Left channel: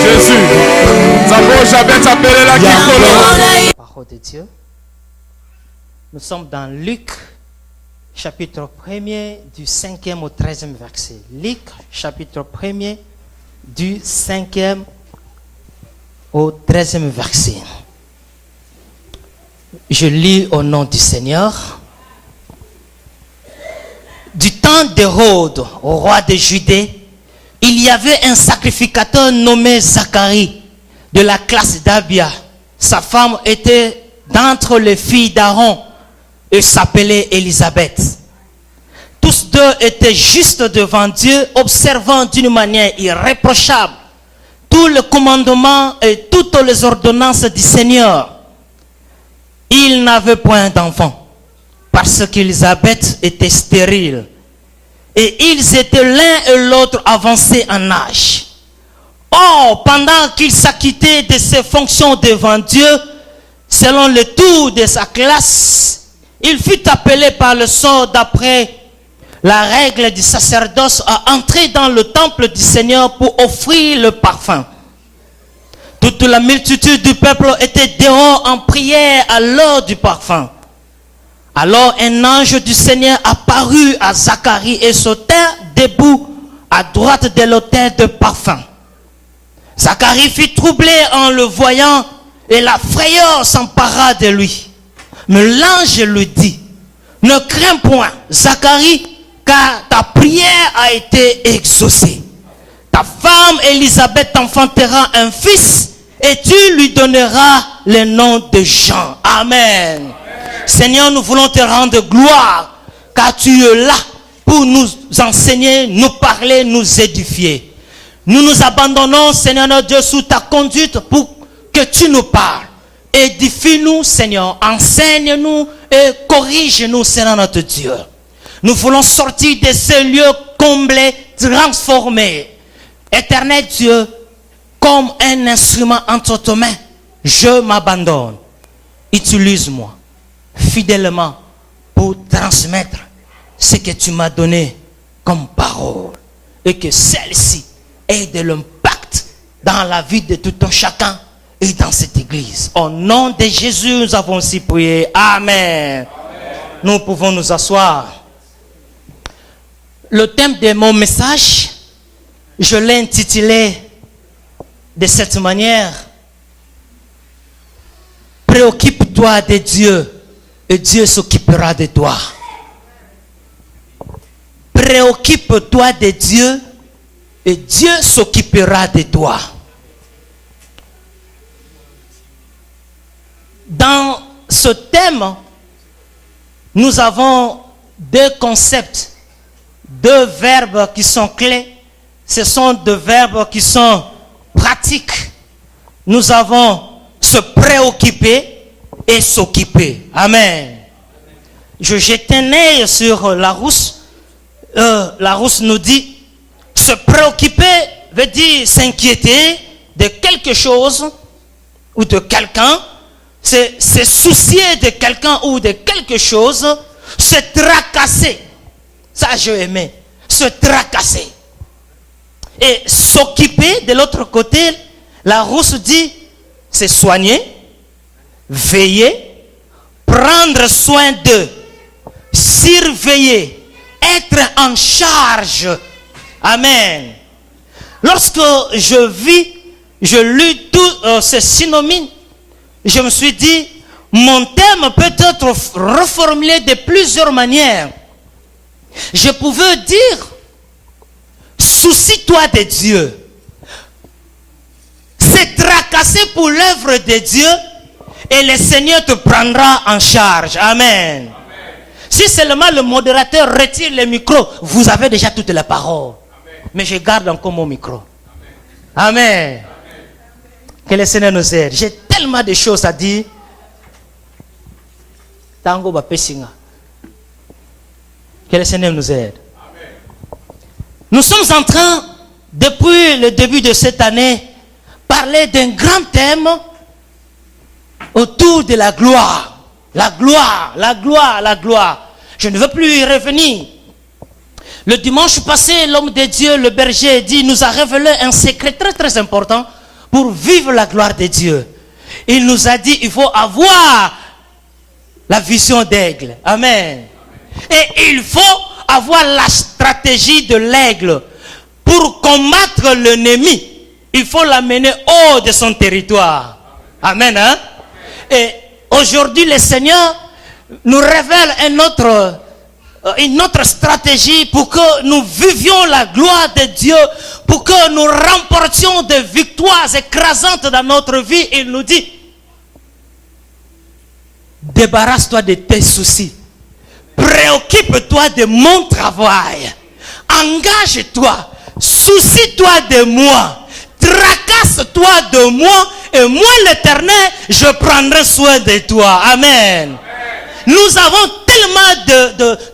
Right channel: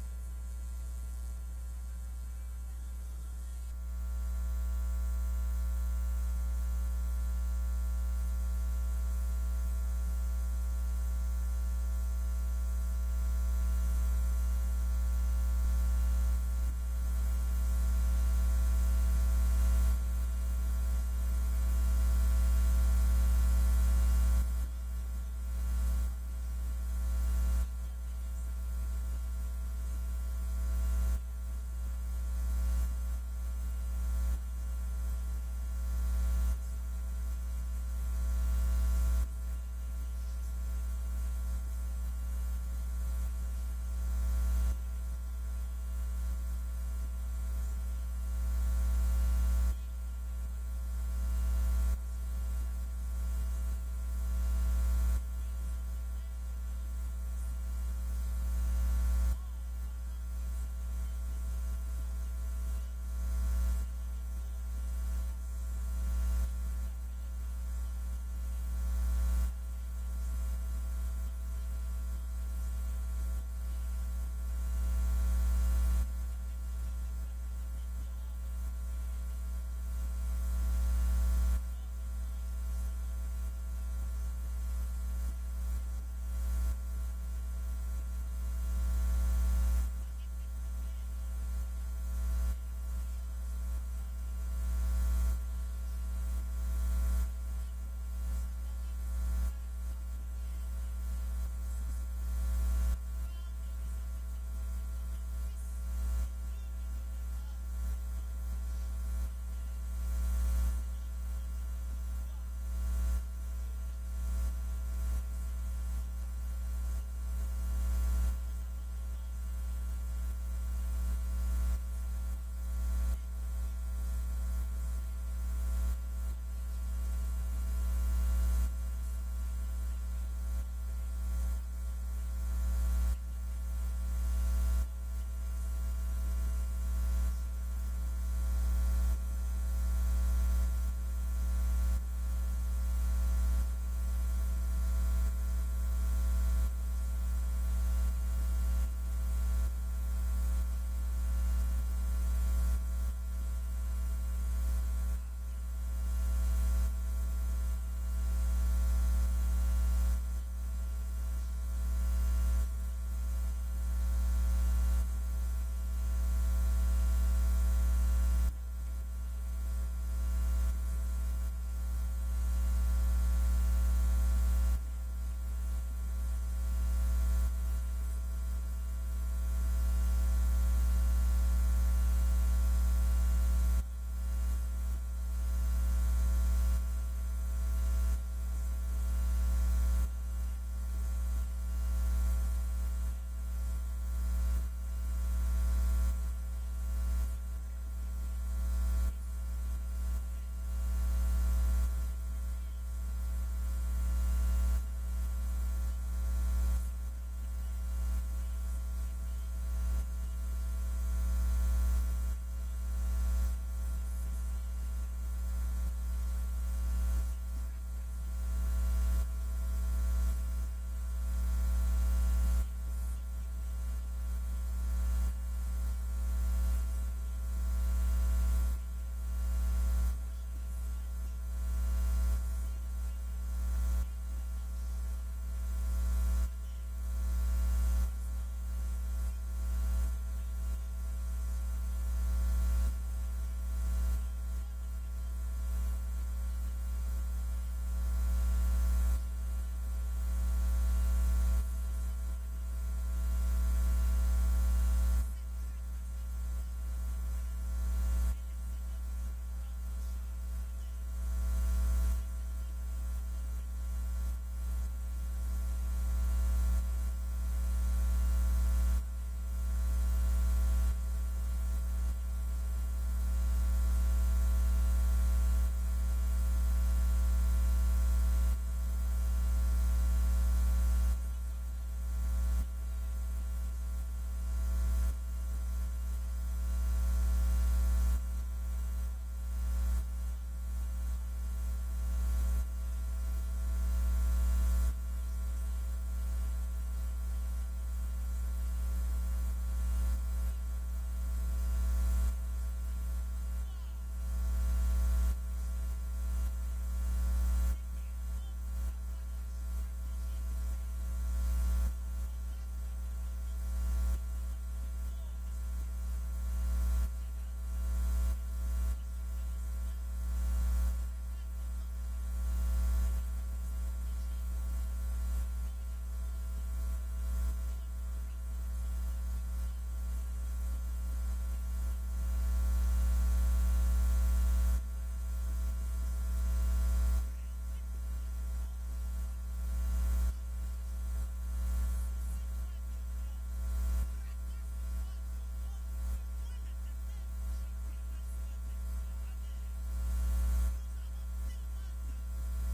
Jésus. Parole de Dieu. Nous sommes dans Luc, chapitre 1er, du 5e au 13e verset. Luc, chapitre 1er, du 5e au 13e verset. Je lis au nom du Seigneur. Du temps d'Hérode, au roi de Judée, il y avait un sacrificateur nommé Zacharie, de la classe d'Abia. Sa femme était d'entre les filles d'Aaron et s'appelait Élisabeth. Tous deux étaient justes devant Dieu, observant d'une manière irréprochable tous les commandements et toutes les ordonnances du Seigneur. Ils n'avaient point d'enfant parce qu'Élisabeth était stérile et ils étaient l'un et l'autre avancés en âge. Or, pendant qu'il s'acquittait de ses fonctions devant Dieu, selon le tour de sa classe, il fut appelé par le sort d'après la règle du sacerdoce à entrer dans le temple du Seigneur pour offrir le parfum. Toute la multitude du peuple était dehors en prière à l'heure du parfum. Alors un ange du Seigneur apparut à Zacharie et se tint debout à droite de l'autel de parfum. Zacharie fut troublé en le voyant et la frayeur s'empara de lui. Mais l'ange lui dit: ne crains point, Zacharie, car ta prière a été exaucée. Ta femme Élisabeth enfantera un fils et tu lui donneras le nom de Jean. Amen. Seigneur, nous voulons te rendre gloire car tu es là pour nous enseigner, nous parler, nous édifier. Nous nous abandonnons, Seigneur notre Dieu, sous ta conduite pour que tu nous parles. Édifie-nous, Seigneur, enseigne-nous et corrige-nous, Seigneur notre Dieu. Nous voulons sortir de ce lieu comblé, transformé. Éternel Dieu, comme un instrument entre tes mains, je m'abandonne. Utilise-moi fidèlement pour transmettre ce que tu m'as donné comme parole. Et que celle-ci ait de l'impact dans la vie de tout un chacun et dans cette église. Au nom de Jésus, nous avons aussi prié. Amen. Amen. Nous pouvons nous asseoir. Le thème de mon message, je l'ai intitulé de cette manière: préoccupe-toi de Dieu et Dieu s'occupera de toi. Préoccupe-toi de Dieu et Dieu s'occupera de toi. Dans ce thème, nous avons deux concepts, deux verbes qui sont clés. Ce sont deux verbes qui sont pratiques. Nous avons se préoccuper et s'occuper. Amen. Je jette un œil sur Larousse. Larousse nous dit: se préoccuper veut dire s'inquiéter de quelque chose ou de quelqu'un, se soucier de quelqu'un ou de quelque chose, se tracasser. Ça, je aimais. Se tracasser. Et s'occuper, de l'autre côté, Larousse dit: se soigner, veiller, prendre soin d'eux, surveiller, être en charge. Amen. Lorsque je lus tous ces synonymes, je me suis dit, mon thème peut être reformulé de plusieurs manières. Je pouvais dire: soucie-toi de Dieu. C'est tracasser pour l'œuvre de Dieu et le Seigneur te prendra en charge. Amen. Amen. Si seulement le modérateur retire le micro, vous avez déjà toutes les paroles. Amen. Mais je garde encore mon micro. Amen. Amen. Amen. Que le Seigneur nous aide. J'ai tellement de choses à dire. Tango Bapesinga. Que le Seigneur nous aide. Amen. Nous sommes en train, depuis le début de cette année, parler d'un grand thème autour de la gloire. La gloire, la gloire, la gloire. Je ne veux plus y revenir. Le dimanche passé, l'homme de Dieu, le berger, nous a révélé un secret très très important pour vivre la gloire de Dieu. Il nous a dit il faut avoir la vision d'aigle. Amen. Et il faut avoir la stratégie de l'aigle. Pour combattre l'ennemi, il faut l'amener hors de son territoire. Amen. Hein? Et aujourd'hui, le Seigneur nous révèle une autre stratégie pour que nous vivions la gloire de Dieu, pour que nous remportions des victoires écrasantes dans notre vie. Il nous dit, débarrasse-toi de tes soucis. Préoccupe-toi de mon travail. Engage-toi. Soucie-toi de moi. Tracasse-toi de moi. Et moi, l'Éternel, je prendrai soin de toi. Amen. Nous avons tellement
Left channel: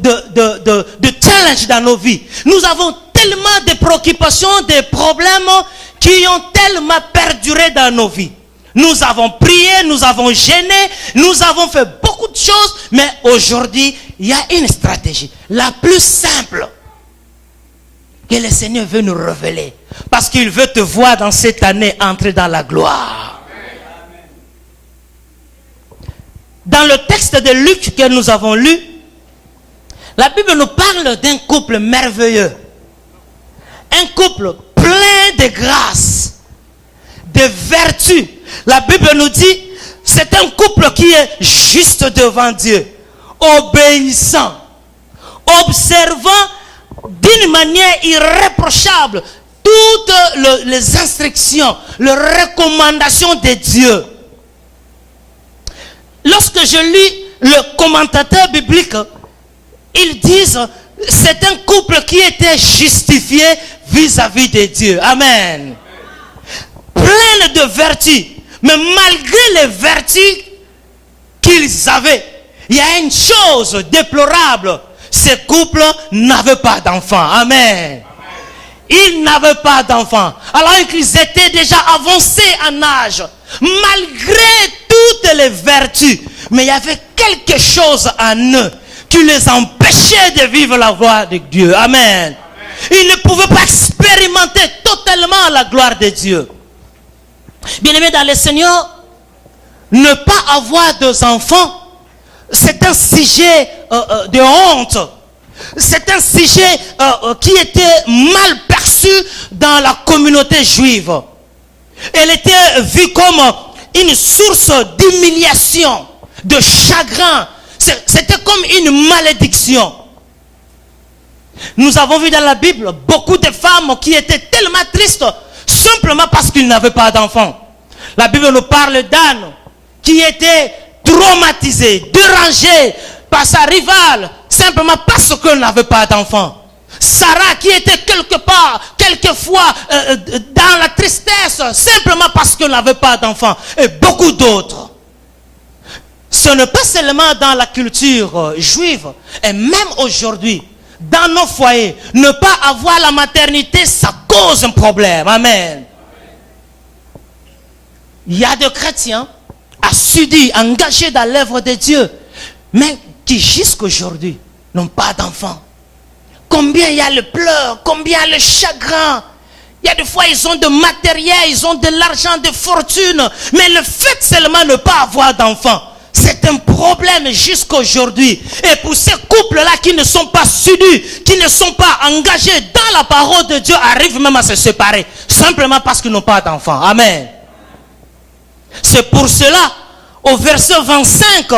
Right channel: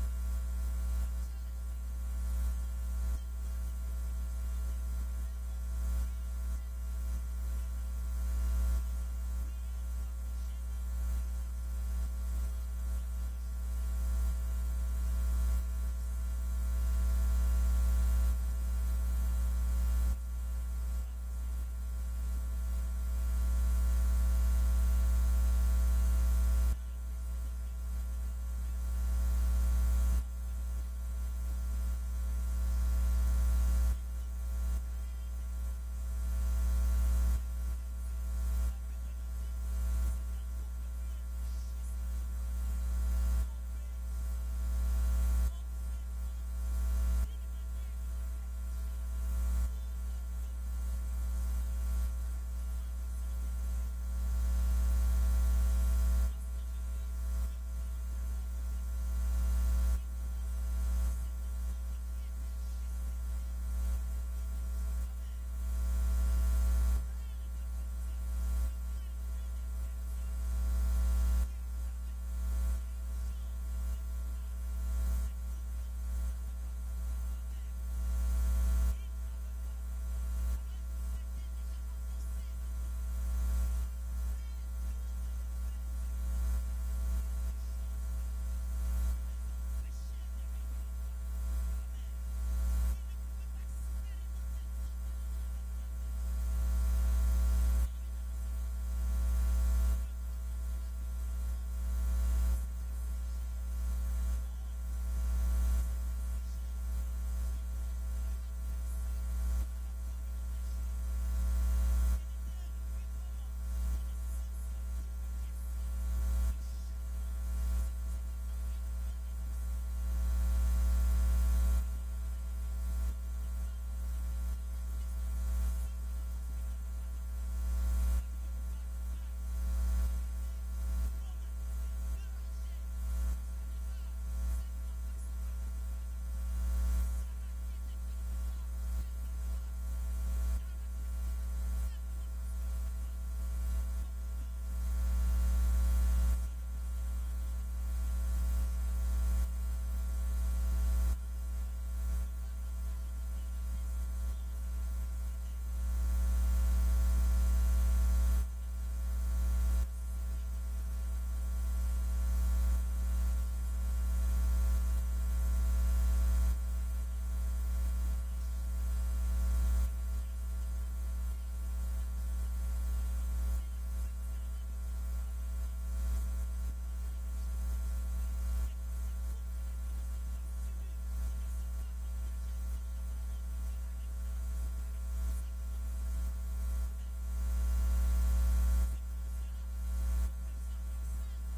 de challenges dans nos vies. Nous avons tellement de préoccupations, de problèmes qui ont tellement perduré dans nos vies. Nous avons prié, nous avons gêné, nous avons fait beaucoup de choses. Mais aujourd'hui, il y a une stratégie. La plus simple que le Seigneur veut nous révéler. Parce qu'il veut te voir dans cette année entrer dans la gloire. Dans le texte de Luc que nous avons lu, la Bible nous parle d'un couple merveilleux. Un couple plein de grâce, de vertu. La Bible nous dit, c'est un couple qui est juste devant Dieu, obéissant, observant d'une manière irréprochable toutes les instructions, les recommandations de Dieu. Lorsque je lis le commentateur biblique, ils disent c'est un couple qui était justifié vis-à-vis de Dieu. Amen. Plein de vertus. Mais malgré les vertus qu'ils avaient, il y a une chose déplorable. Ces couples n'avaient pas d'enfants. Amen. Ils n'avaient pas d'enfants. Alors qu'ils étaient déjà avancés en âge. Malgré toutes les vertus. Mais il y avait quelque chose en eux qui les empêchait de vivre la gloire de Dieu. Amen. Ils ne pouvaient pas expérimenter totalement la gloire de Dieu. Bien-aimés dans le Seigneur, ne pas avoir d'enfants, c'est un sujet de honte. C'est un sujet qui était mal perçu dans la communauté juive. Elle était vue comme une source d'humiliation, de chagrin. C'était comme une malédiction. Nous avons vu dans la Bible beaucoup de femmes qui étaient tellement tristes simplement parce qu'ils n'avaient pas d'enfants. La Bible nous parle d'Anne qui était traumatisée, dérangée par sa rivale simplement parce qu'elle n'avait pas d'enfants. Sarah qui était quelque part, quelquefois dans la tristesse simplement parce qu'elle n'avait pas d'enfants. Et beaucoup d'autres. Ce n'est pas seulement dans la culture juive, et même aujourd'hui, dans nos foyers, ne pas avoir la maternité, ça cause un problème. Amen. Il y a des chrétiens assidus, engagés dans l'œuvre de Dieu, mais qui jusqu'aujourd'hui n'ont pas d'enfants. Combien il y a le pleurs, combien il y a le chagrin. Il y a des fois, ils ont de matériel, ils ont de l'argent, de fortune, mais le fait seulement de ne pas avoir d'enfants, c'est un problème jusqu'aujourd'hui. Et pour ces couples-là qui ne sont pas sudus, qui ne sont pas engagés dans la parole de Dieu, arrivent même à se séparer. Simplement parce qu'ils n'ont pas d'enfants. Amen. C'est pour cela, au verset 25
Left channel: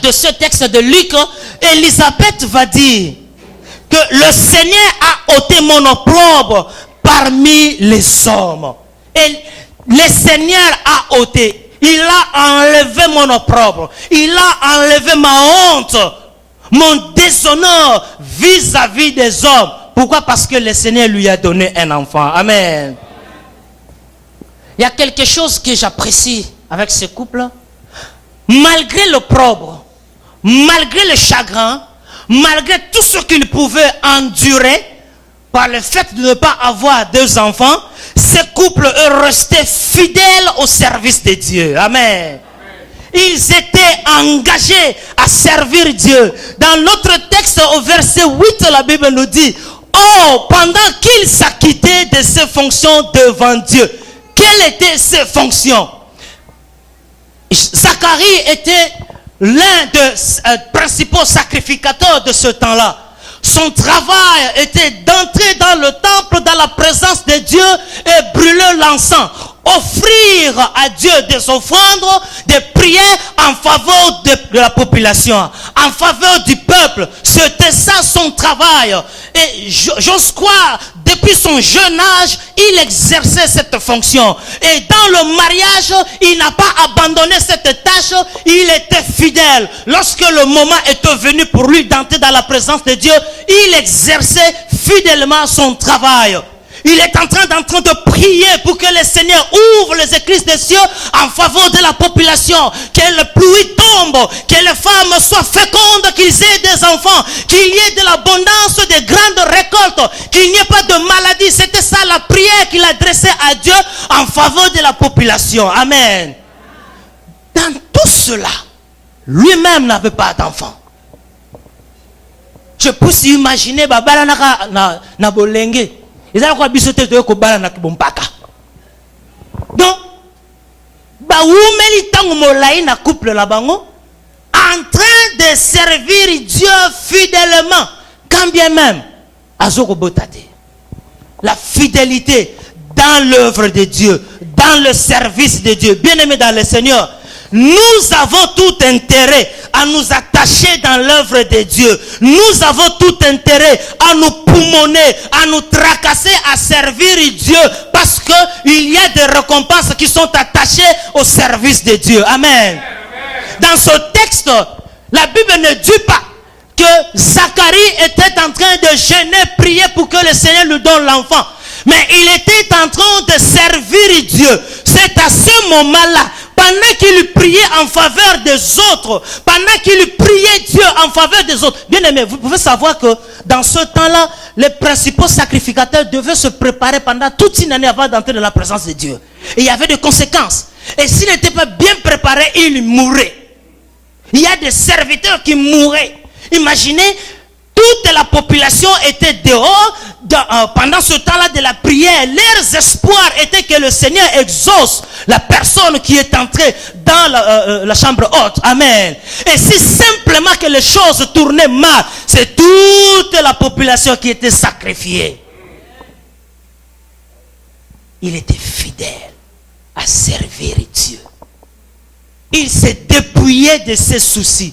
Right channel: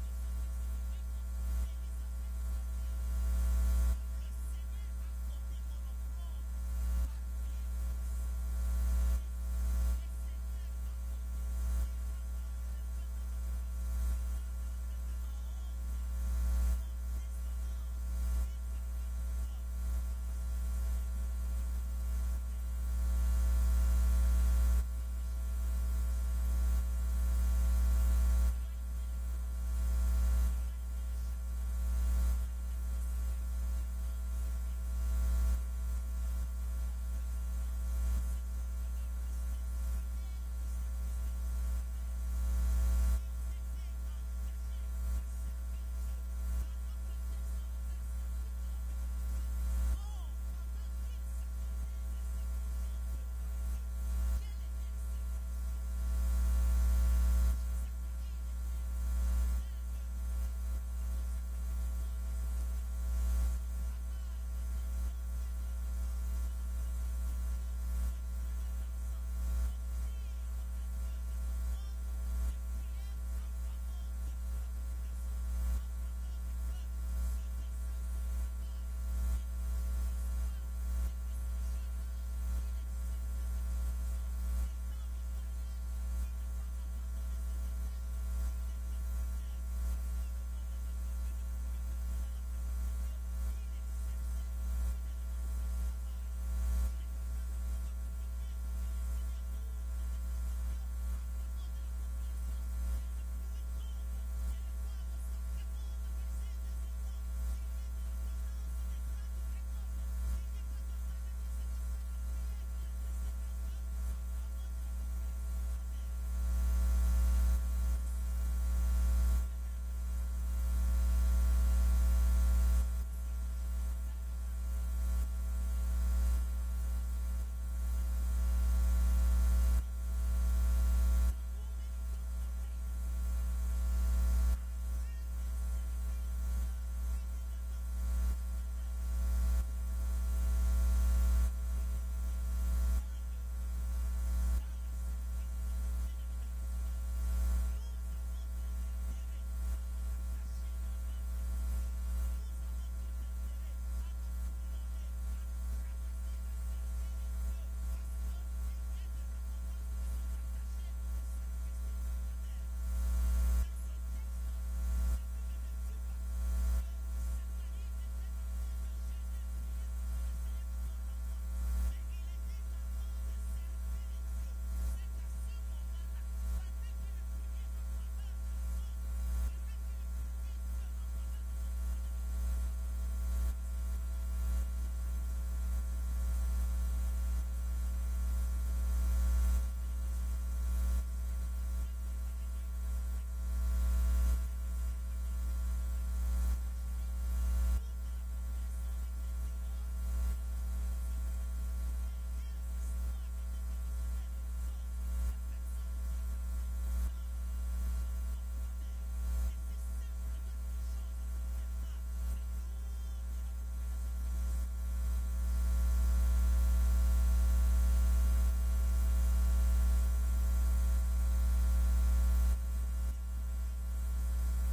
de ce texte de Luc, Élisabeth va dire que le Seigneur a ôté mon opprobre parmi les hommes. Et le Seigneur a ôté. Il a enlevé mon opprobre. Il a enlevé ma honte, mon déshonneur vis-à-vis des hommes. Pourquoi? Parce que le Seigneur lui a donné un enfant. Amen. Il y a quelque chose que j'apprécie avec ce couple. Malgré l'opprobre, malgré le chagrin, malgré tout ce qu'ils pouvaient endurer par le fait de ne pas avoir deux enfants, ce couple est resté fidèle au service de Dieu. Amen. ils étaient engagés à servir Dieu. Dans notre texte au verset 8, la Bible nous dit, oh, pendant qu'ils s'acquittaient de ses fonctions devant Dieu. Quelles étaient ses fonctions? Zacharie était l'un des principaux sacrificateurs de ce temps-là. Son travail était d'entrer dans le temple, dans la présence de Dieu et brûler l'encens. Offrir à Dieu des offrandes, des prières en faveur de la population, en faveur du peuple. C'était ça son travail. Et j'ose croire, depuis son jeune âge, il exerçait cette fonction. Et dans le mariage, il n'a pas abandonné cette tâche, il était fidèle. Lorsque le moment était venu pour lui d'entrer dans la présence de Dieu, il exerçait fidèlement son travail. Il est en train de prier pour que le Seigneur ouvre les écluses des cieux en faveur de la population. Que la pluie tombe, que les femmes soient fécondes, qu'ils aient des enfants, qu'il y ait de l'abondance, de grandes récoltes, qu'il n'y ait pas de maladie. C'était ça la prière qu'il adressait à Dieu en faveur de la population. Amen. Dans tout cela, lui-même n'avait pas d'enfant. Je peux s'imaginer, babala na bolenge. Donc, en train de servir Dieu fidèlement, quand bien même, la fidélité dans l'œuvre de Dieu, dans le service de Dieu, bien aimé dans le Seigneur, nous avons tout intérêt à nous attacher dans l'œuvre de Dieu. Nous avons tout intérêt à nous poumonner, à nous tracasser, à servir Dieu. Parce qu'il y a des récompenses qui sont attachées au service de Dieu. Amen. Dans ce texte, la Bible ne dit pas que Zacharie était en train de jeûner, prier pour que le Seigneur lui donne l'enfant. Mais il était en train de servir Dieu. C'est à ce moment-là, pendant qu'il priait en faveur des autres, pendant qu'il priait Dieu en faveur des autres. Bien aimé, vous pouvez savoir que dans ce temps-là, les principaux sacrificateurs devaient se préparer pendant toute une année avant d'entrer dans la présence de Dieu. Et il y avait des conséquences. Et s'ils n'étaient pas bien préparés, ils mouraient. Il y a des serviteurs qui mouraient. Imaginez, toute la population était dehors pendant ce temps-là de la prière. Leurs espoirs étaient que le Seigneur exauce la personne qui est entrée dans la chambre haute. Amen. Et si simplement que les choses tournaient mal, c'est toute la population qui était sacrifiée. Il était fidèle à servir Dieu. Il s'est dépouillé de ses soucis.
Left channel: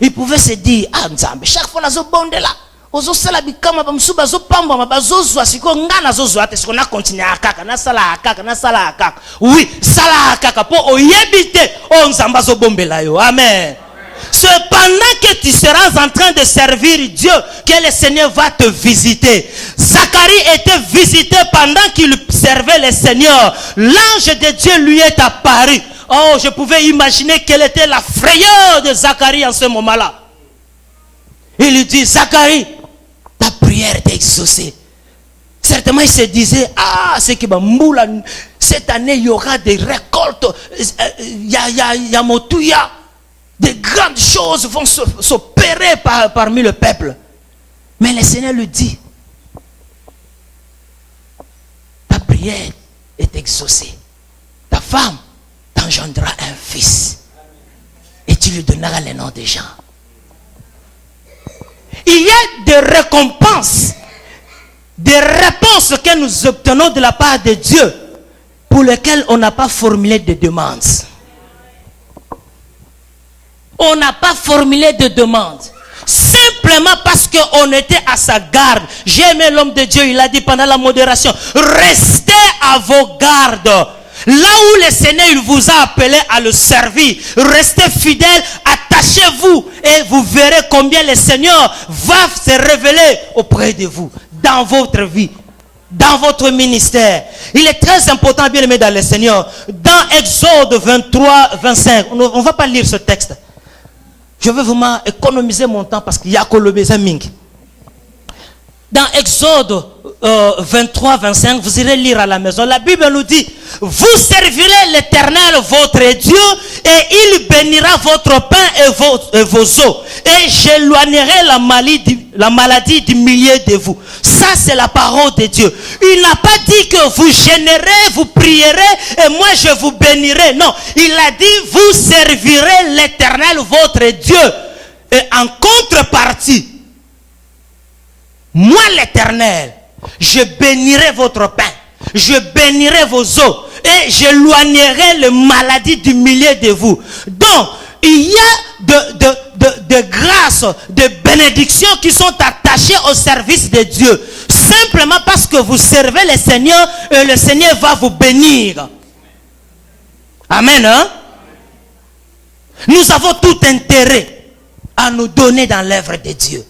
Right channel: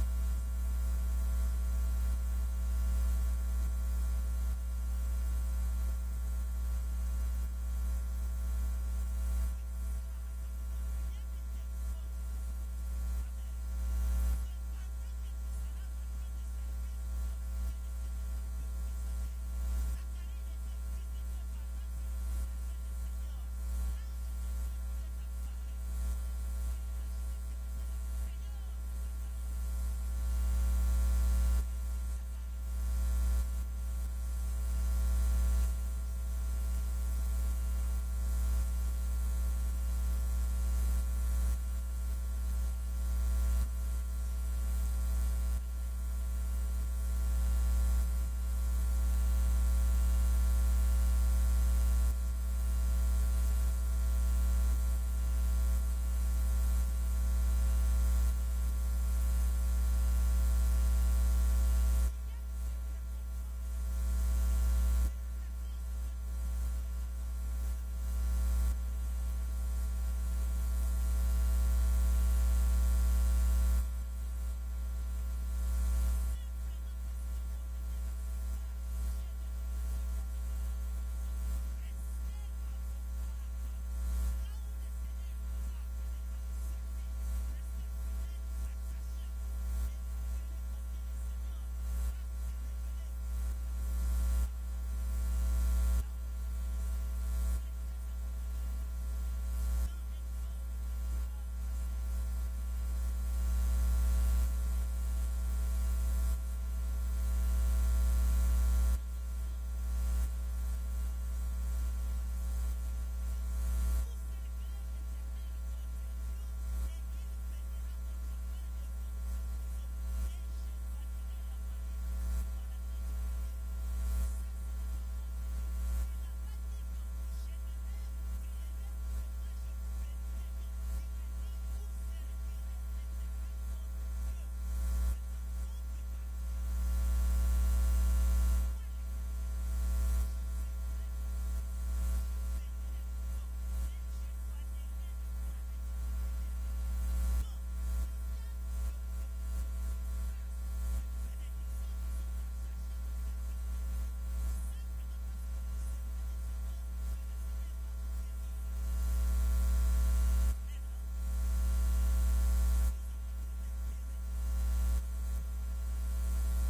Il pouvait se dire, ah, Nzambe, chaque fois, nous avons là. Ozo sala bikama bamsu bazo pamba mabazo zwa siko ngana zo zwa te siko na continuer akaka na sala akaka. Oui, sala akaka po oyebite o Nzamba zo bombela yo. Amen. Cependant que tu seras en train de servir Dieu, que le Seigneur va te visiter. Zacharie était visité pendant qu'il servait le Seigneur. L'ange de Dieu lui est apparu. Oh, je pouvais imaginer quelle était la frayeur de Zacharie en ce moment-là. Il lui dit, Zacharie, ta prière est exaucée. Certainement, il se disait, ah, c'est que cette année, il y aura des récoltes. Yamotouya. Des grandes choses vont s'opérer parmi le peuple. Mais le Seigneur lui dit, ta prière est exaucée. Ta femme t'engendrera un fils. Et tu lui donneras le nom des gens. Il y a des récompenses, des réponses que nous obtenons de la part de Dieu pour lesquelles on n'a pas formulé de demandes. On n'a pas formulé de demandes. Simplement parce qu'on était à sa garde. J'ai aimé l'homme de Dieu, il a dit pendant la modération, restez à vos gardes. Là où le Seigneur il vous a appelé à le servir, restez fidèles, attachez-vous et vous verrez combien le Seigneur va se révéler auprès de vous, dans votre vie, dans votre ministère. Il est très important, bien aimé dans le Seigneur. Dans Exode 23, 25, on ne va pas lire ce texte. Je vais vraiment économiser mon temps parce qu'il y a que le besoin. dans Exode 23, 25, vous irez lire à la maison. La Bible nous dit, vous servirez l'Éternel votre Dieu et il bénira votre pain et vos eaux. Et j'éloignerai la maladie du milieu de vous. Ça, c'est la parole de Dieu. Il n'a pas dit que vous gênerez, vous prierez et moi je vous bénirai. Non, il a dit, vous servirez l'Éternel votre Dieu. Et en contrepartie, moi l'Éternel, je bénirai votre pain, je bénirai vos eaux et j'éloignerai les maladies du milieu de vous. Donc, il y a de grâces, de bénédictions qui sont attachées au service de Dieu. Simplement parce que vous servez le Seigneur et le Seigneur va vous bénir. Amen. Hein? Nous avons tout intérêt à nous donner dans l'œuvre de Dieu,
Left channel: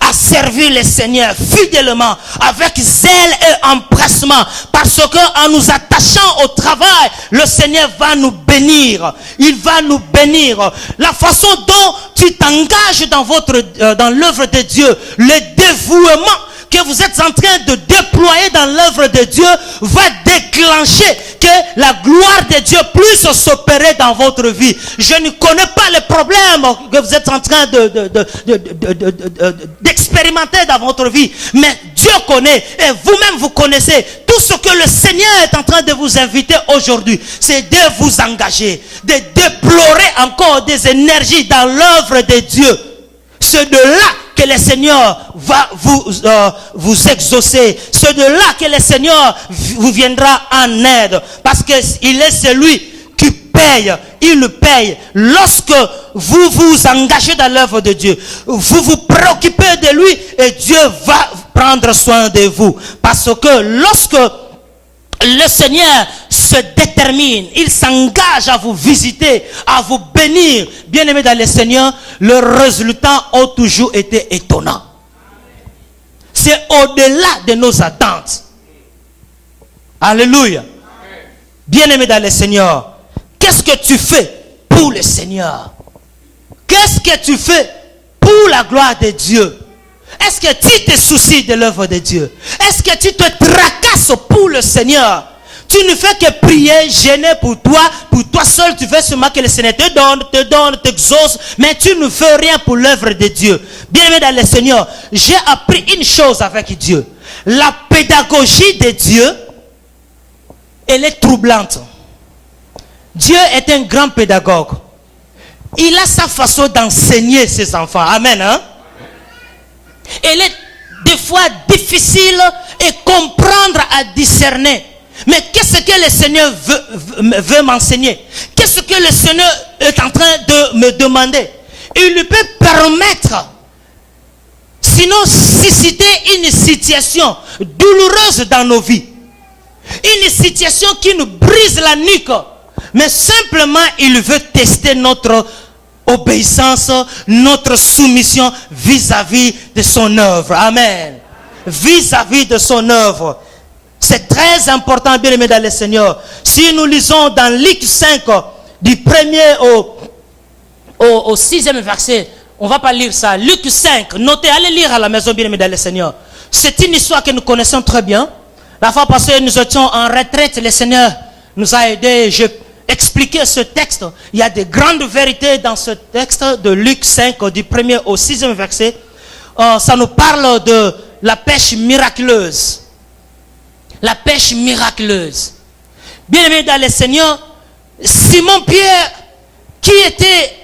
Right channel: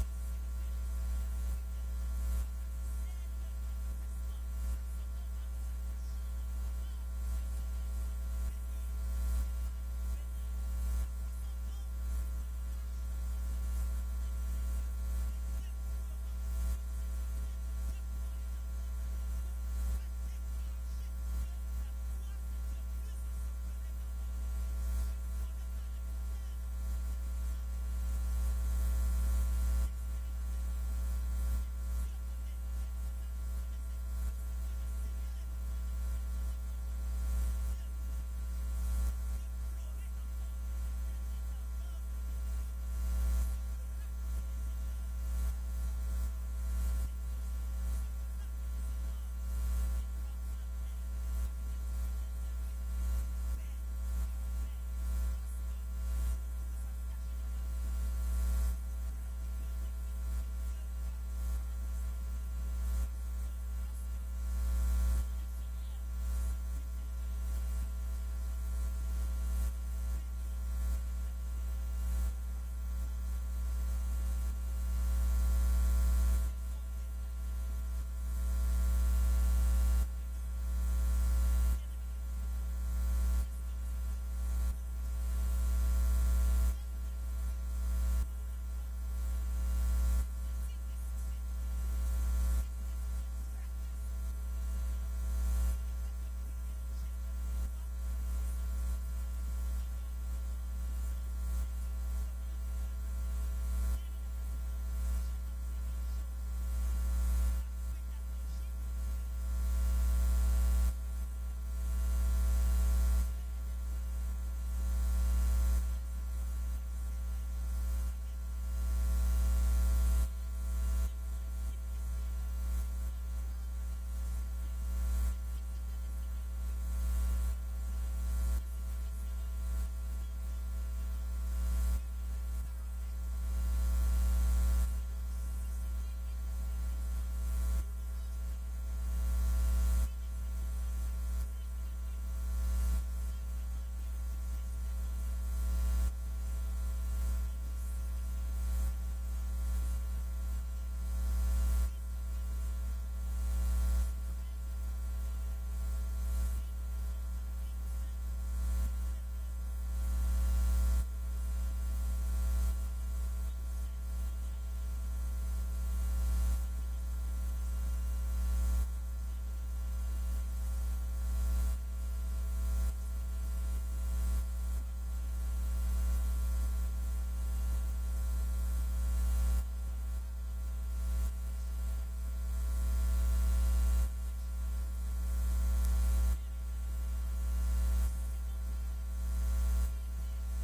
à servir le Seigneur fidèlement, avec zèle et empressement, parce qu'en nous attachant au travail, le Seigneur va nous bénir. Il va nous bénir. La façon dont tu t'engages dans l'œuvre de Dieu, le dévouement que vous êtes en train de déployer dans l'œuvre de Dieu va déclencher que la gloire de Dieu puisse s'opérer dans votre vie. Je ne connais pas les problèmes que vous êtes en train d'expérimenter dans votre vie, mais Dieu connaît et vous-même vous connaissez. Tout ce que le Seigneur est en train de vous inviter aujourd'hui, c'est de vous engager, de déplorer encore des énergies dans l'œuvre de Dieu. C'est de là que le Seigneur va vous exaucer. C'est de là que le Seigneur vous viendra en aide. Parce qu'il est celui qui paye. Il paye. Lorsque vous vous engagez dans l'œuvre de Dieu, vous vous préoccupez de lui et Dieu va prendre soin de vous. Parce que lorsque le Seigneur se détermine, il s'engage à vous visiter, à vous bénir. Bien-aimés dans le Seigneur, le résultat a toujours été étonnant. C'est au-delà de nos attentes. Alléluia. Bien-aimés dans le Seigneur, qu'est-ce que tu fais pour le Seigneur? Qu'est-ce que tu fais pour la gloire de Dieu? Est-ce que tu te soucies de l'œuvre de Dieu? Est-ce que tu te tracasses pour le Seigneur? Tu ne fais que prier, gêner pour toi seul. Tu fais seulement que le Seigneur te donne, t'exauce, mais tu ne fais rien pour l'œuvre de Dieu. Bien-aimé dans le Seigneur, j'ai appris une chose avec Dieu. La pédagogie de Dieu, elle est troublante. Dieu est un grand pédagogue. Il a sa façon d'enseigner ses enfants. Amen. Hein? Elle est des fois difficile et comprendre à discerner. Mais qu'est-ce que le Seigneur veut m'enseigner? Qu'est-ce que le Seigneur est en train de me demander? Il lui peut permettre, sinon susciter une situation douloureuse dans nos vies. Une situation qui nous brise la nuque. Mais simplement, il veut tester notre obéissance, notre soumission vis-à-vis de son œuvre. Amen. Vis-à-vis de son œuvre. C'est très important, bien aimé dans le Seigneur. Si nous lisons dans Luc 5, du 1er au 6e verset, on ne va pas lire ça. Luc 5, notez, allez lire à la maison, bien aimé dans le Seigneur. C'est une histoire que nous connaissons très bien. La fois passée, nous étions en retraite, le Seigneur nous a aidés. J'ai expliqué ce texte. Il y a de grandes vérités dans ce texte de Luc 5, du 1er au 6e verset. Ça nous parle de la pêche miraculeuse. La pêche miraculeuse. Bien aimé dans le Seigneur, Simon-Pierre, qui était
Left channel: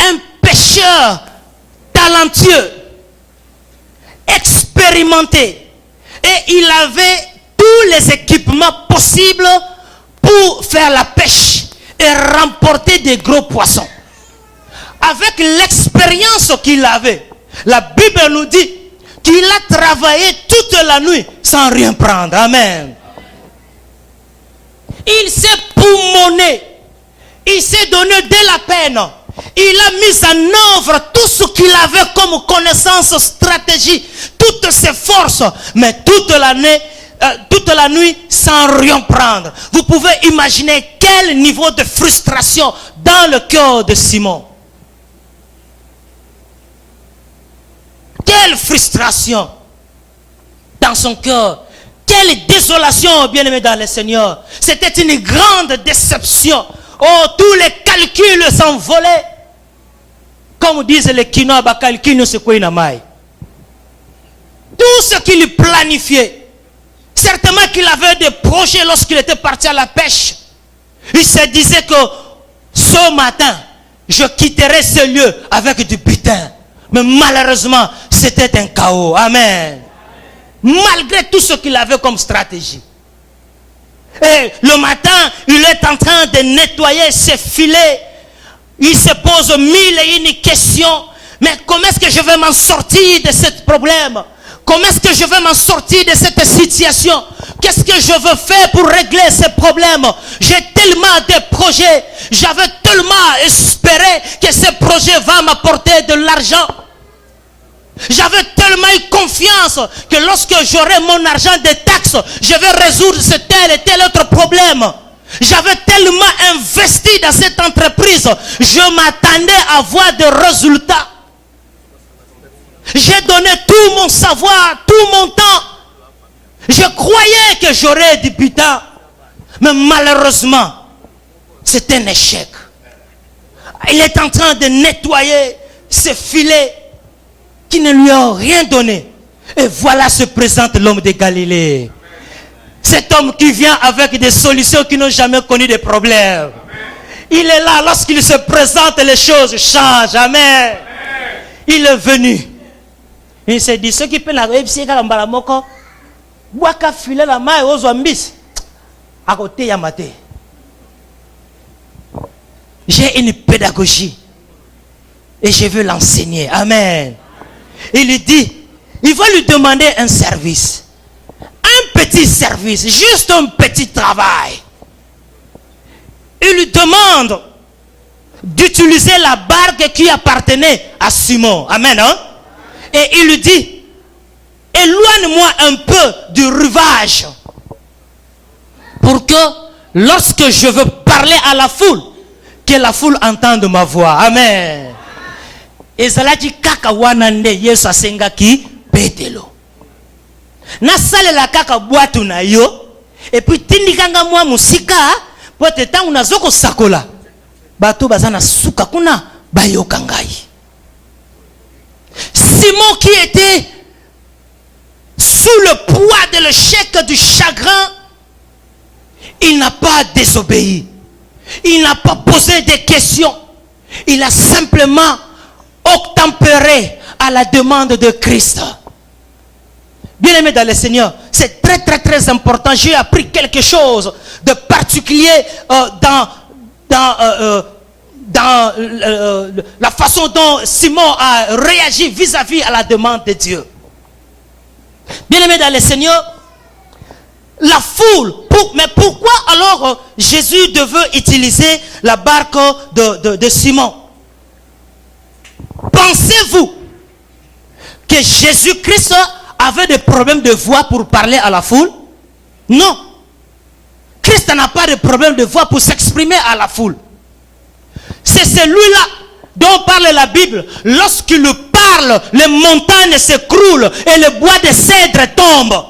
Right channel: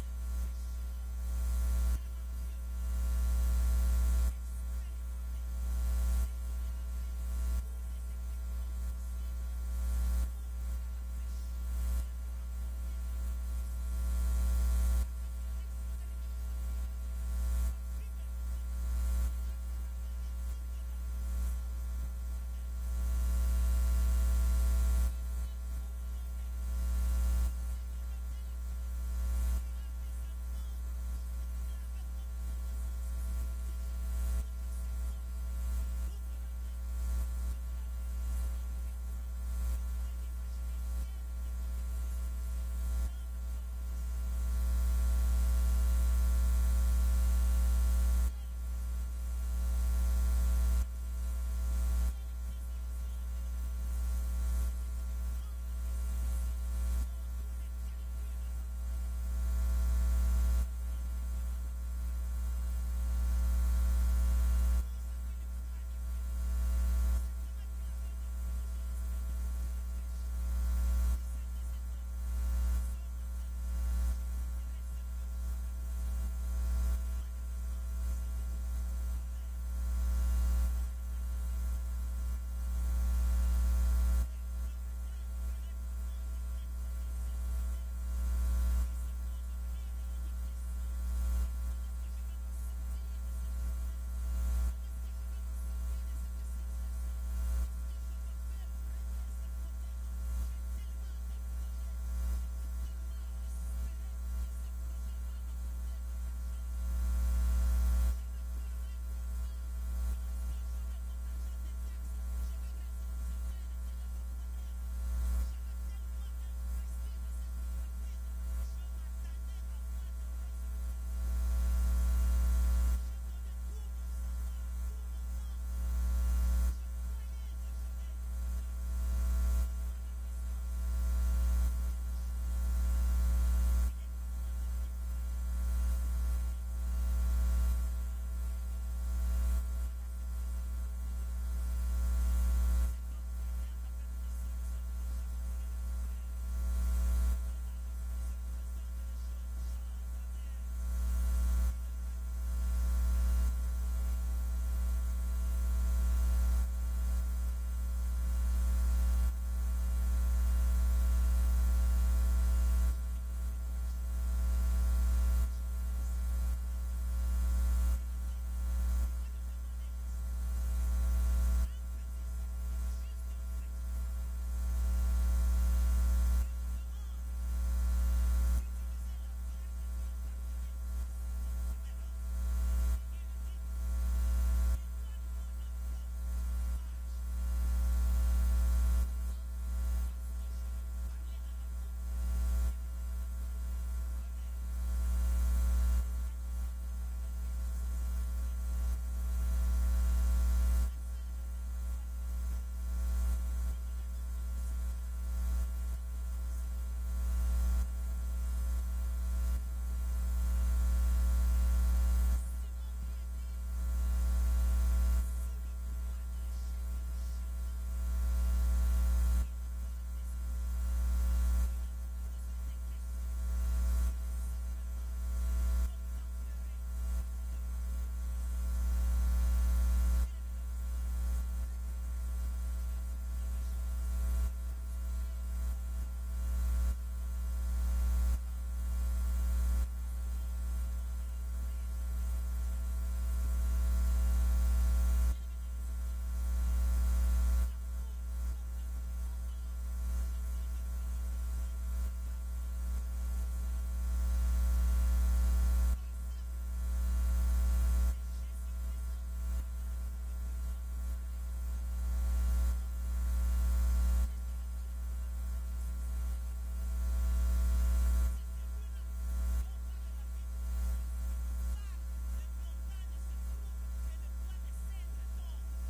un pêcheur talentueux, expérimenté, et il avait tous les équipements possibles pour faire la pêche et remporter des gros poissons. Avec l'expérience qu'il avait, la Bible nous dit qu'il a travaillé toute la nuit sans rien prendre. Amen. Il s'est poumonné. Il s'est donné de la peine. Il a mis en œuvre tout ce qu'il avait comme connaissance, stratégie, toutes ses forces. Mais toute la nuit sans rien prendre. Vous pouvez imaginer quel niveau de frustration dans le cœur de Simon. Quelle frustration. dans son cœur. Quelle désolation, bien-aimé dans le Seigneur. C'était une grande déception. Oh, tous les calculs s'envolaient. Comme disent les Kinois, calcul c'est quoi une maille. Tout ce qu'il planifiait. Certainement qu'il avait des projets lorsqu'il était parti à la pêche. Il se disait que ce matin, je quitterai ce lieu avec du butin. Mais malheureusement, c'était un chaos. Amen. Malgré tout ce qu'il avait comme stratégie. Et le matin, il est en train de nettoyer ses filets. Il se pose mille et une questions. Mais comment est-ce que je vais m'en sortir de ce problème? Comment est-ce que je vais m'en sortir de cette situation? Qu'est-ce que je veux faire pour régler ces problèmes? J'ai tellement de projets. J'avais tellement espéré que ce projet va m'apporter de l'argent. J'avais tellement eu confiance que lorsque j'aurai mon argent de taxes, je vais résoudre ce tel et tel autre problème. J'avais tellement investi dans cette entreprise. Je m'attendais à voir des résultats. J'ai donné tout mon savoir, tout mon temps. Je croyais que j'aurais du butin. Mais malheureusement, c'est un échec. Il est en train de nettoyer ses filets qui ne lui ont rien donné. Et voilà se présente l'homme de Galilée. Cet homme qui vient avec des solutions qui n'ont jamais connu de problèmes. Il est là, lorsqu'il se présente, les choses changent. Amen. Il est venu. Il s'est dit, ceux qui peuvent la réussir, filer la main aux zombies. À côté, Yamate. J'ai une pédagogie. Et je veux l'enseigner. Amen. Il lui dit, il va lui demander un service. Un petit service, juste un petit travail. Il lui demande d'utiliser la barque qui appartenait à Simon. Amen. Hein? Et il lui dit, éloigne-moi un peu du rivage pour que lorsque je veux parler à la foule, que la foule entende ma voix. Amen. Et cela dit kaka wanande yesu asengaki Petelo. Na sale la kaka boatu na yo et puis tindikanga mwa musika pote tangu nazoko sakola. Bato bazana suka kuna bayokangai. Simon qui était sous le poids de l'échec du chagrin, il n'a pas désobéi. Il n'a pas posé des questions. Il a simplement obtempéré à la demande de Christ. Bien-aimé dans le Seigneur, c'est très important. J'ai appris quelque chose de particulier dans la façon dont Simon a réagi vis-à-vis à la demande de Dieu. Bien-aimé dans le Seigneur, la foule, mais pourquoi alors Jésus devait utiliser la barque de Simon? Pensez-vous que Jésus-Christ avait des problèmes de voix pour parler à la foule? Non. Christ n'a pas de problème de voix pour s'exprimer à la foule. C'est celui-là dont parle la Bible. Lorsqu'il parle, les montagnes s'écroulent et le bois de cèdre tombe.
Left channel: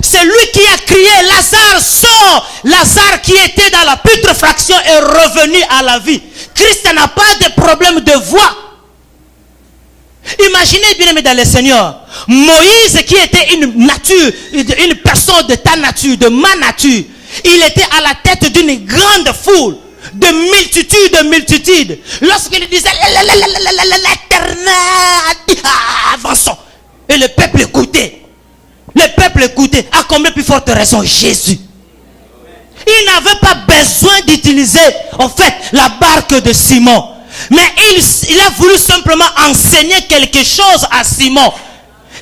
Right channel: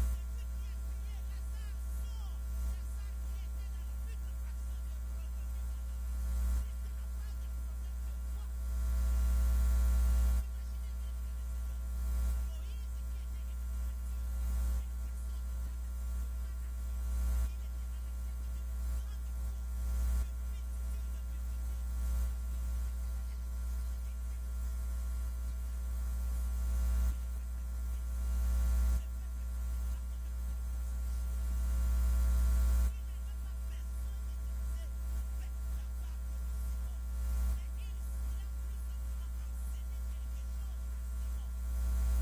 C'est lui qui a crié, Lazare sort. Lazare qui était dans la putréfaction est revenu à la vie. Christ n'a pas de problème de voix. Imaginez bien, dans le Seigneur, Moïse qui était une nature, une personne de ta nature, de ma nature, il était à la tête d'une grande foule, de multitudes. Lorsqu'il disait l'Éternel a dit avançons, et le peuple écoutait. Le peuple écoutait. À combien plus forte raison Jésus? Il n'avait pas besoin d'utiliser en fait la barque de Simon. Mais il a voulu simplement enseigner quelque chose à Simon.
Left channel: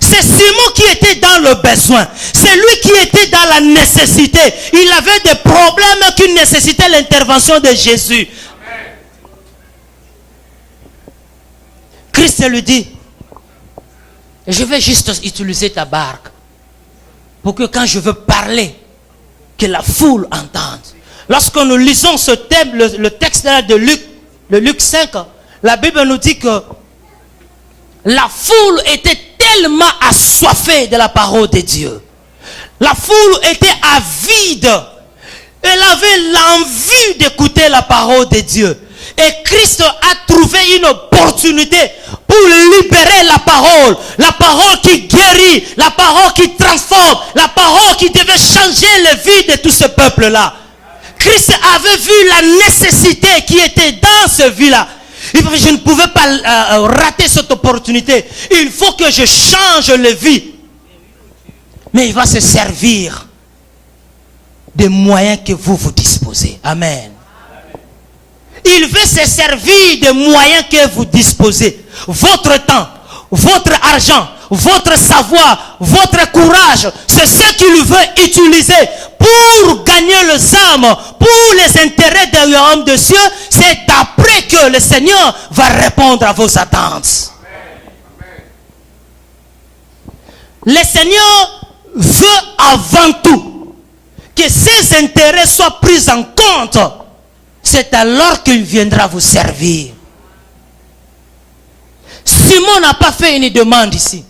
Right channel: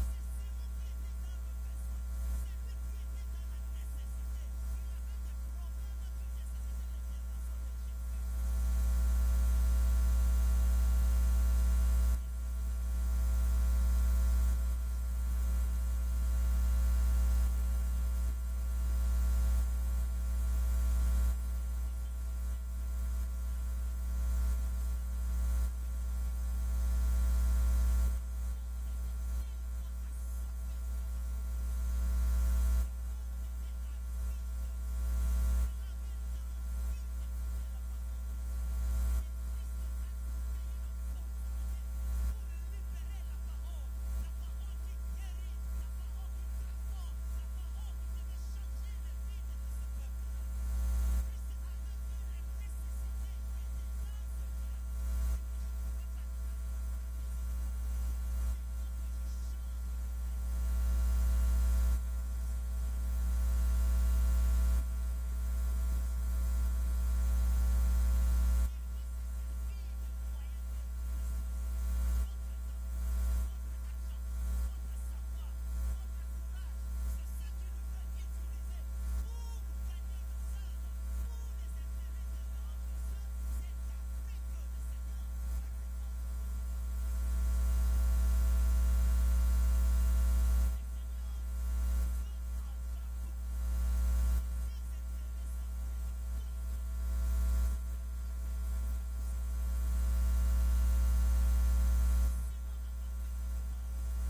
C'est Simon qui était dans le besoin. C'est lui qui était dans la nécessité. Il avait des problèmes qui nécessitaient l'intervention de Jésus. Christ lui dit, je vais juste utiliser ta barque pour que quand je veux parler, que la foule entende. Lorsque nous lisons ce thème, le texte de Luc 5, la Bible nous dit que la foule était tellement assoiffée de la parole de Dieu. La foule était avide. Elle avait l'envie d'écouter la parole de Dieu. Et Christ a trouvé une opportunité pour libérer la parole qui guérit, la parole qui transforme, la parole qui devait changer la vie de tout ce peuple-là. Christ avait vu la nécessité qui était dans ce vie-là. Je ne pouvais pas rater cette opportunité. Il faut que je change la vie. Mais il va se servir des moyens que vous disposez. Amen. Il veut se servir des moyens que vous disposez. Votre temps, votre argent, votre savoir, votre courage, c'est ce qu'il veut utiliser pour gagner les âmes, pour les intérêts du royaume de Dieu. C'est après que le Seigneur va répondre à vos attentes. Le Seigneur veut avant tout que ces intérêts soient pris en compte. C'est alors qu'il viendra vous servir. Simon n'a pas fait une demande ici.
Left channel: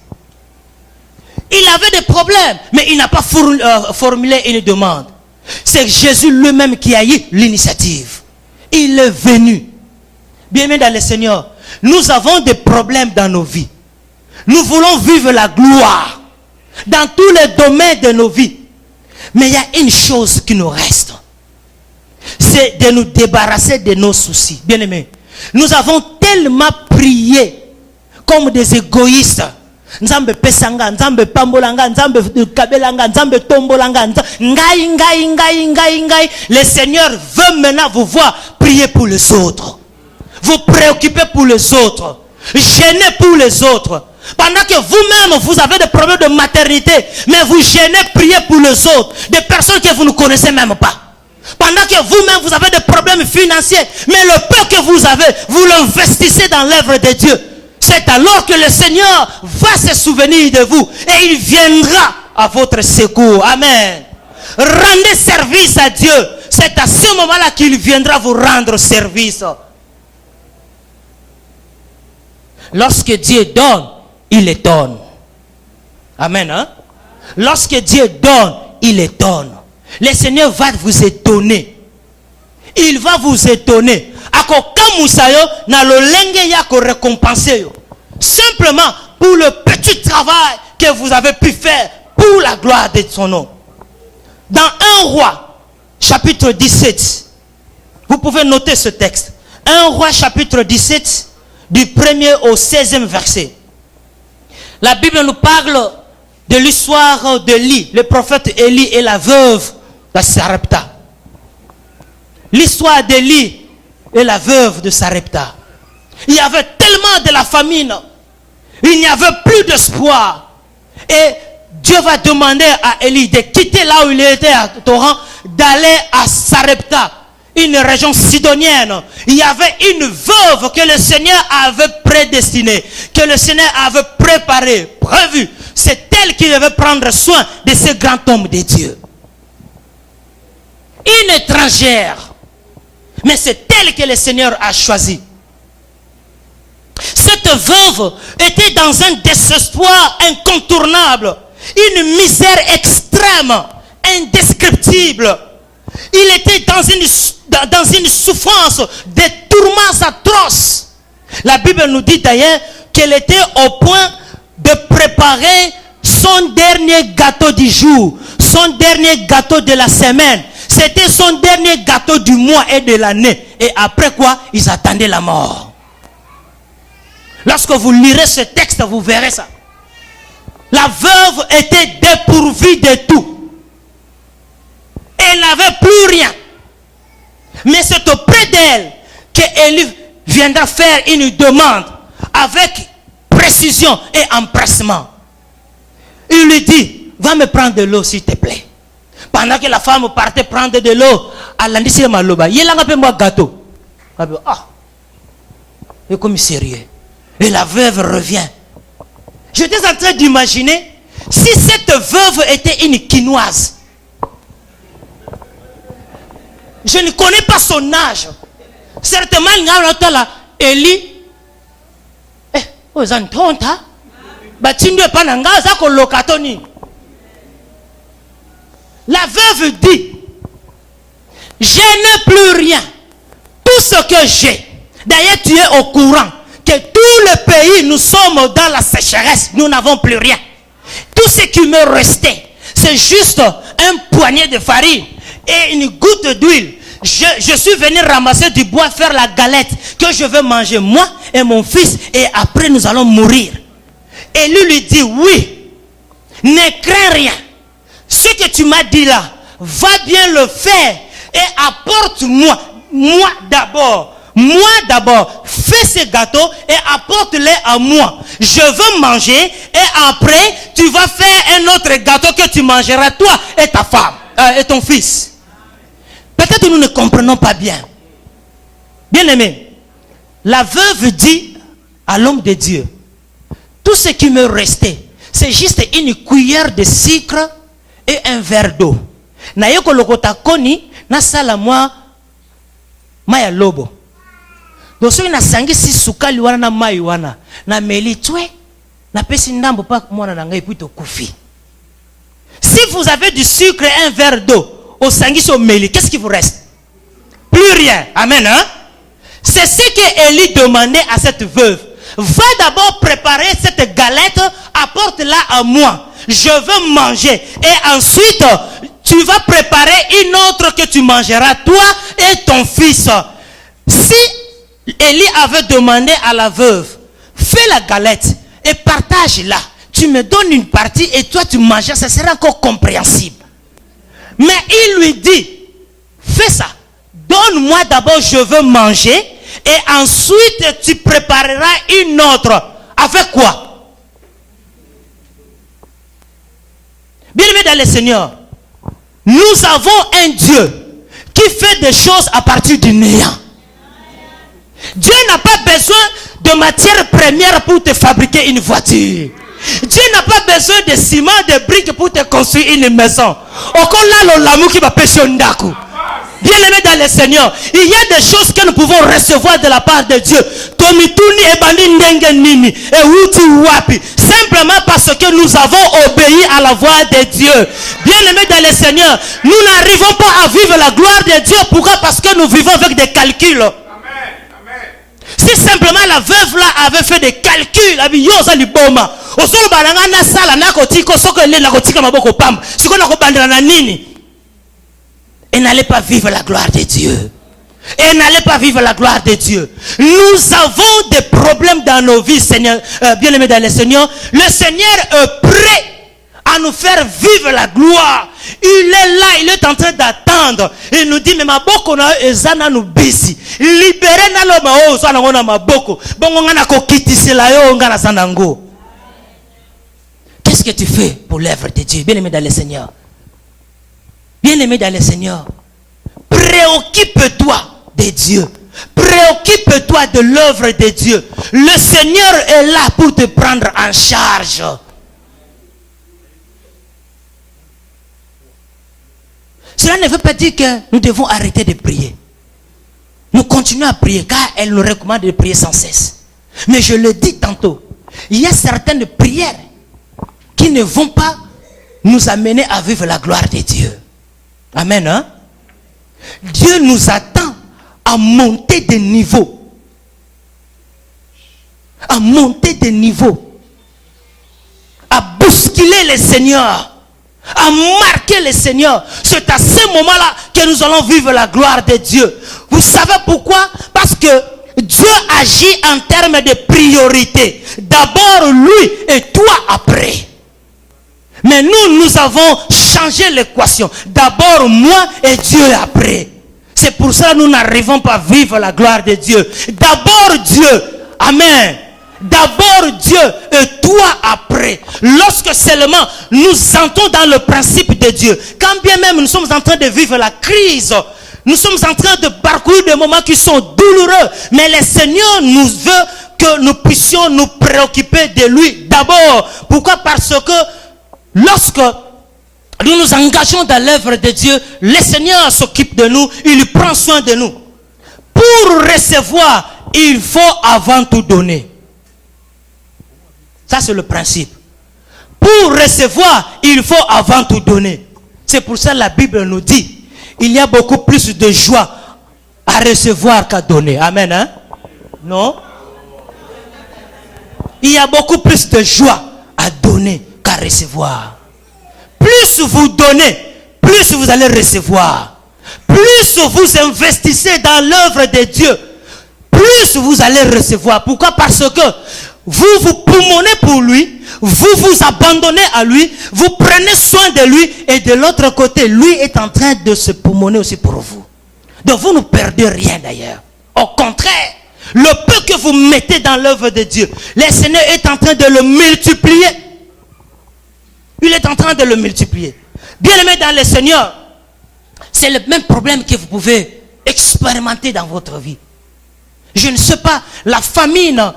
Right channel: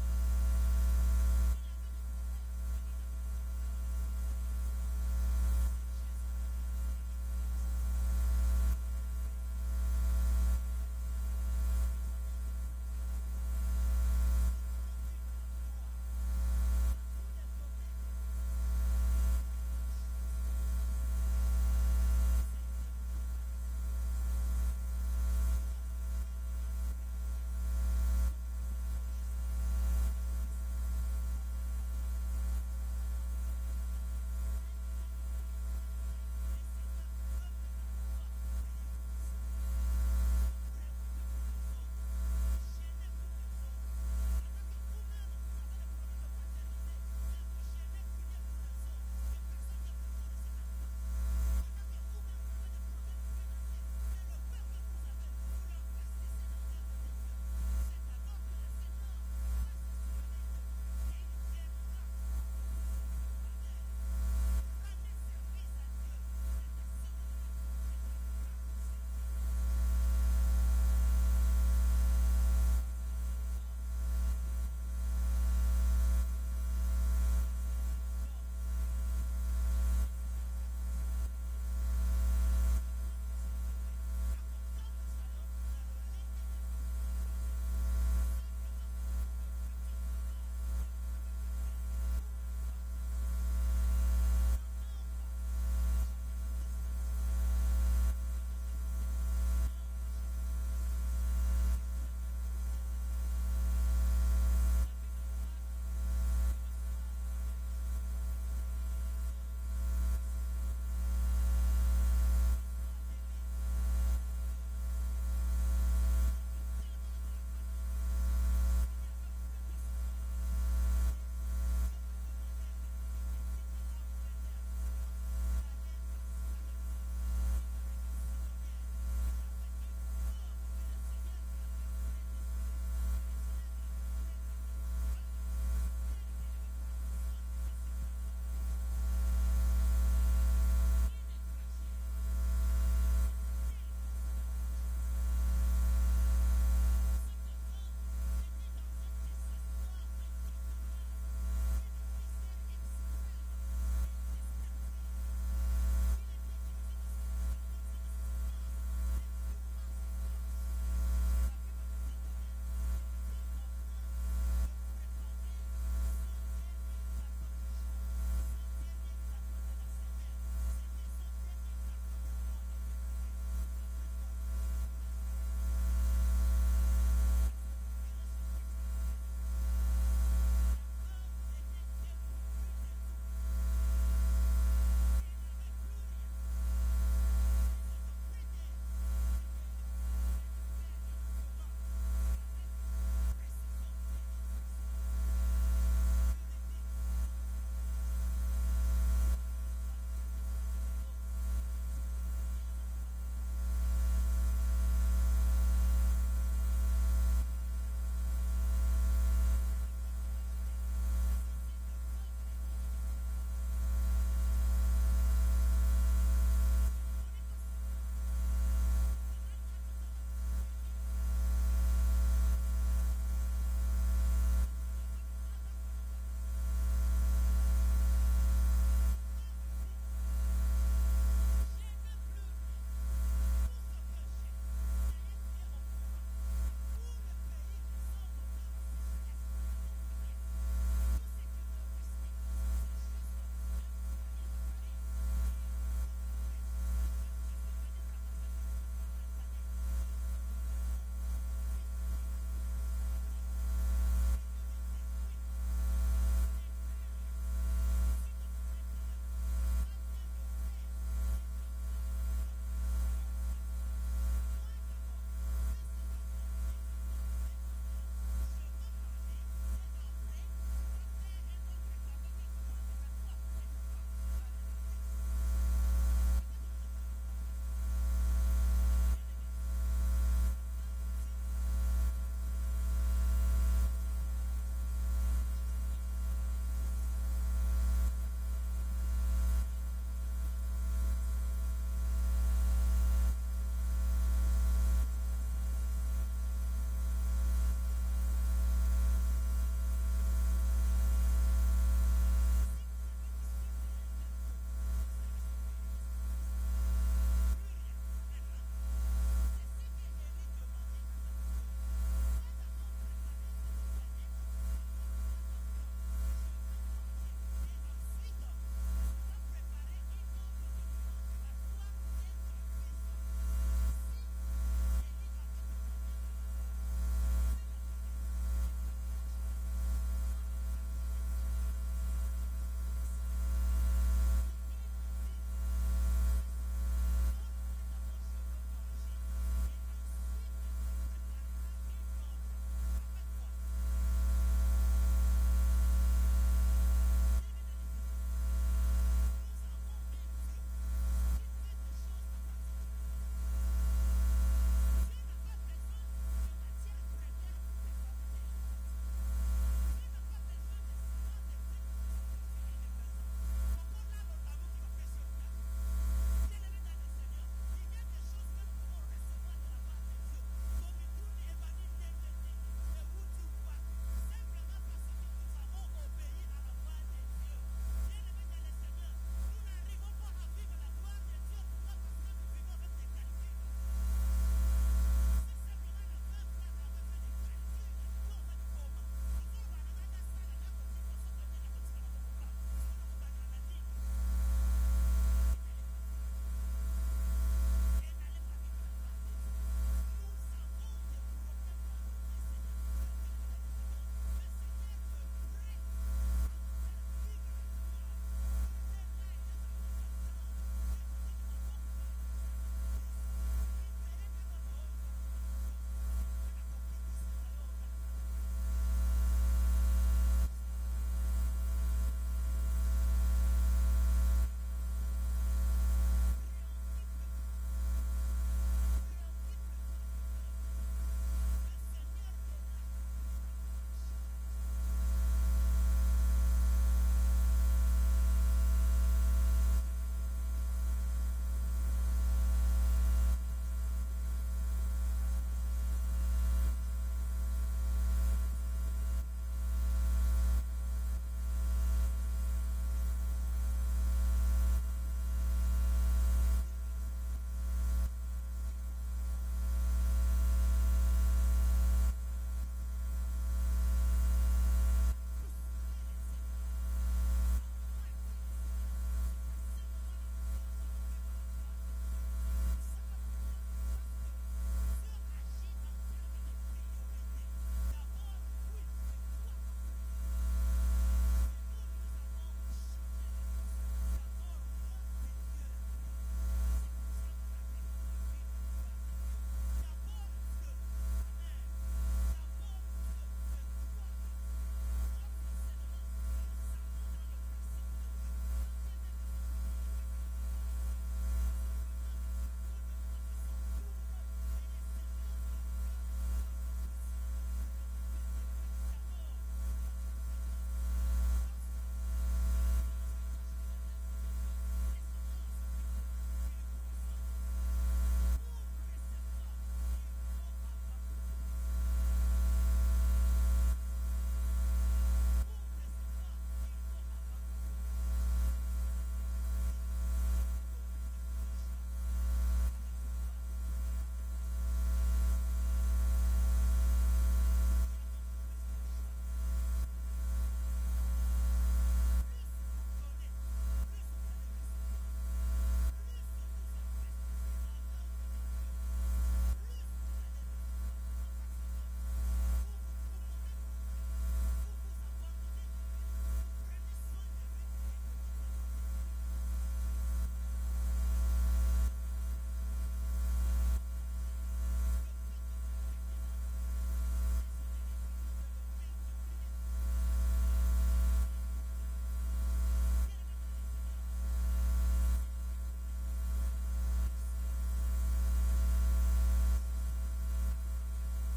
Il avait des problèmes, mais il n'a pas formulé une demande. C'est Jésus lui-même qui a eu l'initiative. Il est venu. Bien-aimés dans le Seigneur, nous avons des problèmes dans nos vies. Nous voulons vivre la gloire dans tous les domaines de nos vies. Mais il y a une chose qui nous reste. C'est de nous débarrasser de nos soucis. Bien-aimés, nous avons tellement prié comme des égoïstes. Nzambe pesanga, nzambe pambolanga, nzambe kabelanga, nzambe tombolanga, ngai. Le Seigneur veut maintenant vous voir prier pour les autres. Vous préoccuper pour les autres. Gêner pour les autres. Pendant que vous-même vous avez des problèmes de maternité, mais vous gênez prier pour les autres. Des personnes que vous ne connaissez même pas. Pendant que vous-même vous avez des problèmes financiers, mais le peu que vous avez, vous l'investissez dans l'œuvre de Dieu. C'est alors que le Seigneur va se souvenir de vous et il viendra à votre secours. Amen. Rendez service à Dieu. C'est à ce moment-là qu'il viendra vous rendre service. Lorsque Dieu donne, il étonne. Amen. Hein? Lorsque Dieu donne, il étonne. Le Seigneur va vous étonner. Il va vous étonner. Simplement pour le petit travail que vous avez pu faire pour la gloire de son nom. Dans 1 Roi, chapitre 17, vous pouvez noter ce texte. 1 Roi, chapitre 17, du 1er au 16e verset. La Bible nous parle de l'histoire d'Élie, le prophète Élie et la veuve de Sarepta. L'histoire d'Élie et la veuve de Sarepta. Il y avait tellement de la famine. Il n'y avait plus d'espoir. Et Dieu va demander à Élie de quitter là où il était à Torrent, d'aller à Sarepta, une région sidonienne. Il y avait une veuve que le Seigneur avait prédestinée, que le Seigneur avait préparée, prévue. C'est elle qui devait prendre soin de ce grand homme de Dieu. Une étrangère. Mais c'est elle que le Seigneur a choisi. Cette veuve était dans un désespoir incontournable, une misère extrême, indescriptible. Il était dans une souffrance, des tourments atroces. La Bible nous dit d'ailleurs qu'elle était au point de préparer son dernier gâteau du jour, son dernier gâteau de la semaine. C'était son dernier gâteau du mois et de l'année. Et après quoi, ils attendaient la mort. Lorsque vous lirez ce texte, vous verrez ça. La veuve était dépourvue de tout. Elle n'avait plus rien. Mais c'est auprès d'elle qu'Élie viendra faire une demande avec précision et empressement. Il lui dit, va me prendre de l'eau s'il te plaît. Pendant que la femme partait prendre de l'eau, elle a dit, c'est maloba. Il a un moi gâteau. Ah, il est comme sérieux. Et la veuve revient. J'étais en train d'imaginer si cette veuve était une quinoise. Je ne connais pas son âge. Certainement, il y a là, Élie. Aux Antonta. Batindu pananga, zako lokatoni. la veuve dit, je n'ai plus rien. Tout ce que j'ai. D'ailleurs, tu es au courant que tout le pays, nous sommes dans la sécheresse. Nous n'avons plus rien. Tout ce qui me restait, c'est juste un poignet de farine et une goutte d'huile. Je suis venu ramasser du bois, faire la galette que je veux manger, moi et mon fils, et après nous allons mourir. Et lui dit, oui, ne crains rien. Ce que tu m'as dit là, va bien le faire et apporte-moi, moi d'abord, fais ces gâteaux et apporte-les à moi. Je veux manger et après, tu vas faire un autre gâteau que tu mangeras, toi et ta femme, et ton fils. Peut-être nous ne comprenons pas bien. Bien aimé, la veuve dit à l'homme de Dieu, tout ce qui me restait, c'est juste une cuillère de sucre et un verre d'eau. Na yeko lokota koni na sala moi maya lobo. Donc si na sangi si sukali wana na mai wana na meli twe na pesi ndambo pa mwana na ngai puto kufi. Si vous avez du sucre et un verre d'eau au sangi au meli, qu'est-ce qui vous reste? Plus rien. Amen, hein? C'est ce que Élie demandait à cette veuve. Va d'abord préparer cette galette, apporte-la à moi. Je veux manger. Et ensuite, tu vas préparer une autre que tu mangeras, toi et ton fils. Si Élie avait demandé à la veuve, fais la galette et partage-la. Tu me donnes une partie et toi tu manges, ça sera encore compréhensible. Mais il lui dit, fais ça. Donne-moi d'abord, je veux manger. Et ensuite, tu prépareras une autre. Avec quoi? Bien-aimés dans le Seigneur, nous avons un Dieu qui fait des choses à partir du néant. Dieu n'a pas besoin de matières premières pour te fabriquer une voiture. Dieu n'a pas besoin de ciment, de briques pour te construire une maison. Bien-aimés dans le Seigneur, il y a des choses que nous pouvons recevoir de la part de Dieu. Simplement parce que nous avons obéi à la voix de Dieu. Bien-aimés dans le Seigneur, nous n'arrivons pas à vivre la gloire de Dieu. Pourquoi? Parce que nous vivons avec des calculs. Si simplement la veuve là avait fait des calculs, elle n'allait pas vivre la gloire de Dieu. Elle n'allait pas vivre la gloire de Dieu. Nous avons des problèmes dans nos vies, Seigneur, bien-aimés dans le Seigneur. Le Seigneur est prêt à nous faire vivre la gloire. Il est là, il est en train d'attendre. Il nous dit, mais ma boko na ezana nous bisi. Libérez na lo mao so na ngona maboko. Bongo ngana ko kitisela yo ngana sandango. Qu'est-ce que tu fais pour l'œuvre de Dieu, bien-aimé dans le Seigneur? Bien-aimé dans le Seigneur, préoccupe-toi de Dieu. Préoccupe-toi de l'œuvre de Dieu. Le Seigneur est là pour te prendre en charge. Cela ne veut pas dire que nous devons arrêter de prier. Nous continuons à prier car elle nous recommande de prier sans cesse. Mais je le dis tantôt, il y a certaines prières qui ne vont pas nous amener à vivre la gloire de Dieu. Amen, hein? Dieu nous attend à monter de niveau. À monter de niveau. À bousculer le Seigneur. À marquer le Seigneur. C'est à ce moment-là que nous allons vivre la gloire de Dieu. Vous savez pourquoi? Parce que Dieu agit en termes de priorité. D'abord lui et toi après. Mais nous avons changé l'équation. D'abord moi et Dieu après. C'est pour ça que nous n'arrivons pas à vivre la gloire de Dieu. D'abord Dieu. Amen. D'abord Dieu et toi après. Lorsque seulement nous entrons dans le principe de Dieu. Quand bien même nous sommes en train de vivre la crise. Nous sommes en train de parcourir des moments qui sont douloureux. Mais le Seigneur nous veut que nous puissions nous préoccuper de lui. D'abord. Pourquoi? Parce que lorsque nous nous engageons dans l'œuvre de Dieu, le Seigneur s'occupe de nous, il prend soin de nous. Pour recevoir, il faut avant tout donner. Ça c'est le principe. Pour recevoir, il faut avant tout donner. C'est pour ça que la Bible nous dit, il y a beaucoup plus de joie à recevoir qu'à donner. Amen, hein? Non? Il y a beaucoup plus de joie à donner qu'à recevoir. Plus vous donnez, plus vous allez recevoir. Plus vous investissez dans l'œuvre de Dieu, plus vous allez recevoir. Pourquoi? Parce que vous vous poumonnez pour lui, vous vous abandonnez à lui, vous prenez soin de lui, et de l'autre côté, lui est en train de se poumonner aussi pour vous. Donc vous ne perdez rien d'ailleurs. Au contraire, le peu que vous mettez dans l'œuvre de Dieu, le Seigneur est en train de le multiplier. Il est en train de le multiplier. Bien aimé dans le Seigneur, c'est le même problème que vous pouvez expérimenter dans votre vie. Je ne sais pas, la famine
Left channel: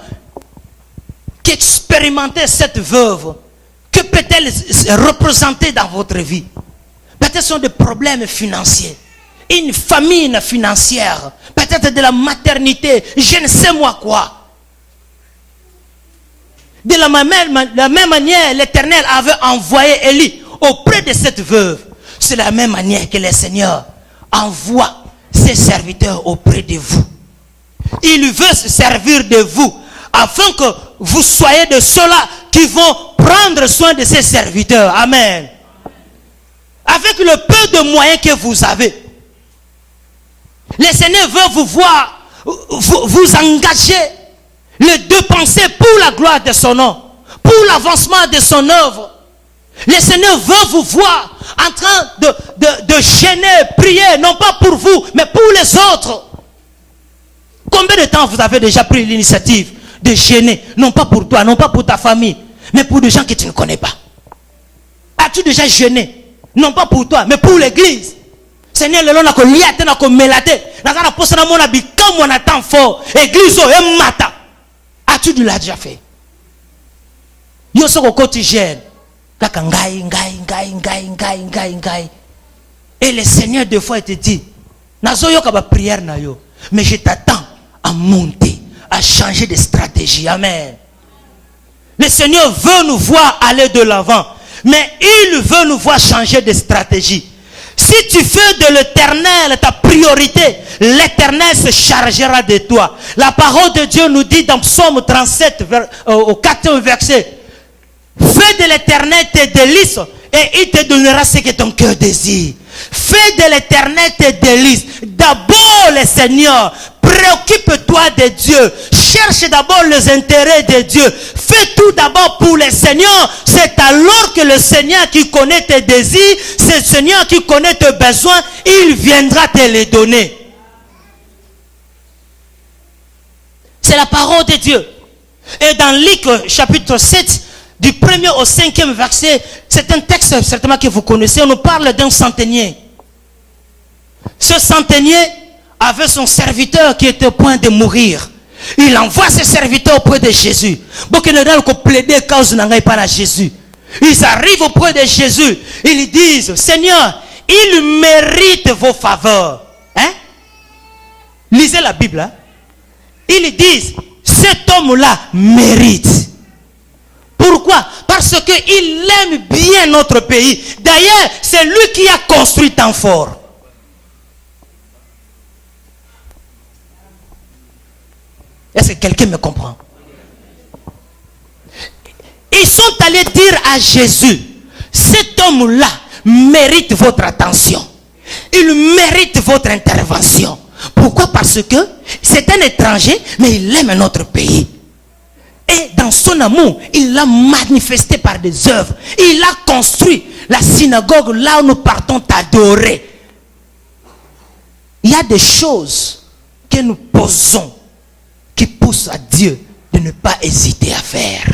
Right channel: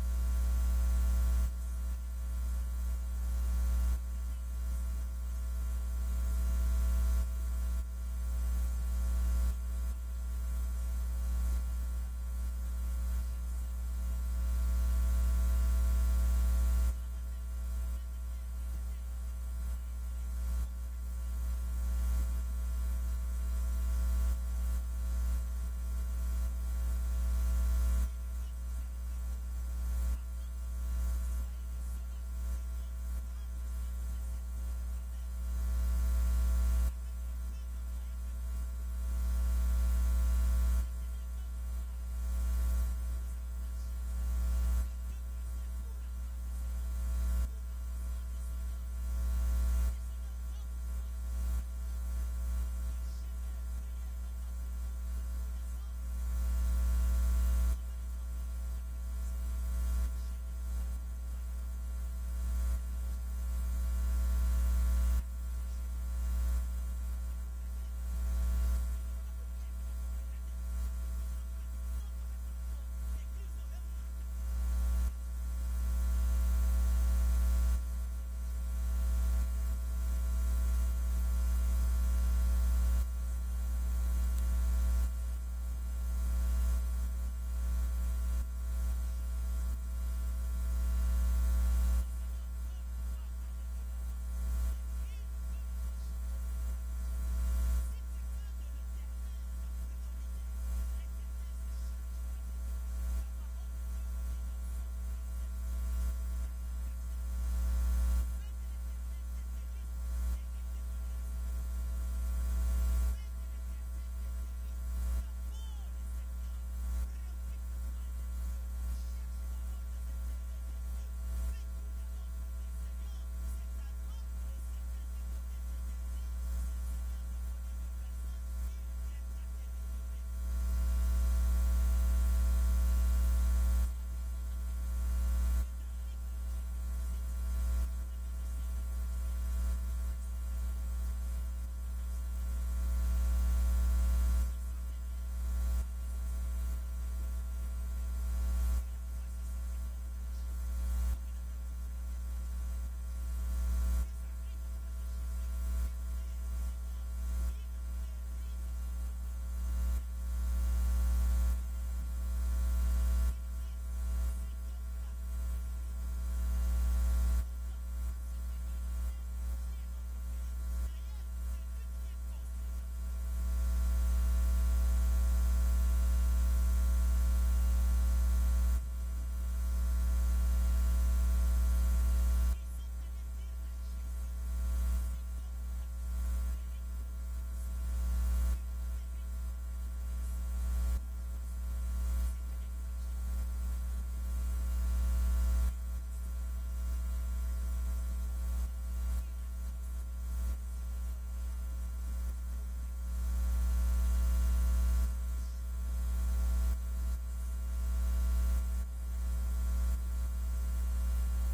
qu'expérimentait cette veuve, que peut-elle représenter dans votre vie? Peut-être ce sont des problèmes financiers, une famine financière, peut-être de la maternité, je ne sais moi quoi. De la même manière, l'Éternel avait envoyé Élie auprès de cette veuve. C'est la même manière que le Seigneur envoie ses serviteurs auprès de vous. Il veut se servir de vous afin que vous soyez de ceux-là qui vont prendre soin de ses serviteurs. Amen. Avec le peu de moyens que vous avez, le Seigneur veut vous voir, vous engager, le dépenser pour la gloire de son nom, pour l'avancement de son œuvre. Le Seigneur veut vous voir en train de gêner, prier, non pas pour vous, mais pour les autres. Combien de temps vous avez déjà pris l'initiative de gêner, non pas pour toi, non pas pour ta famille, mais pour des gens que tu ne connais pas? As-tu déjà gêné, non pas pour toi, mais pour l'église? Seigneur, le long n'a que liate, n'a que melate, n'a qu'à poser dans mon habit comme on attend fort. Église, et mata. As-tu déjà fait? Yo soko koti gêne. Et le Seigneur des fois il te dit, nazo yo kaba prière na yo, mais je t'attends à monter, à changer de stratégie. Amen. Le Seigneur veut nous voir aller de l'avant, mais il veut nous voir changer de stratégie. Si tu fais de l'Éternel ta priorité, l'Éternel se chargera de toi. La parole de Dieu nous dit dans Psaume 37 au 14 verset, fais de l'Éternel tes délices et il te donnera ce que ton cœur désire. Fais de l'Éternel tes délices. D'abord le Seigneur. Préoccupe-toi de Dieu. Cherche d'abord les intérêts de Dieu. Fais tout d'abord pour le Seigneur. C'est alors que le Seigneur qui connaît tes désirs, c'est le Seigneur qui connaît tes besoins, il viendra te les donner. C'est la parole de Dieu. Et dans Luc chapitre 7, du 1er au 5e verset, c'est un texte certainement que vous connaissez, on nous parle d'un centenier. Ce centenier avait son serviteur qui était au point de mourir. Il envoie ses serviteurs auprès de Jésus. Ils arrivent auprès de Jésus. Ils disent, Seigneur, il mérite vos faveurs. Hein? Lisez la Bible. Hein? Ils disent, cet homme-là mérite. Pourquoi? Parce qu'il aime bien notre pays. D'ailleurs, c'est lui qui a construit tant fort. Est-ce que quelqu'un me comprend? Ils sont allés dire à Jésus, cet homme-là mérite votre attention. Il mérite votre intervention. Pourquoi? Parce que c'est un étranger, mais il aime notre pays. Et dans son amour, il l'a manifesté par des œuvres. Il a construit la synagogue là où nous partons t'adorer. Il y a des choses que nous posons qui poussent à Dieu de ne pas hésiter à faire.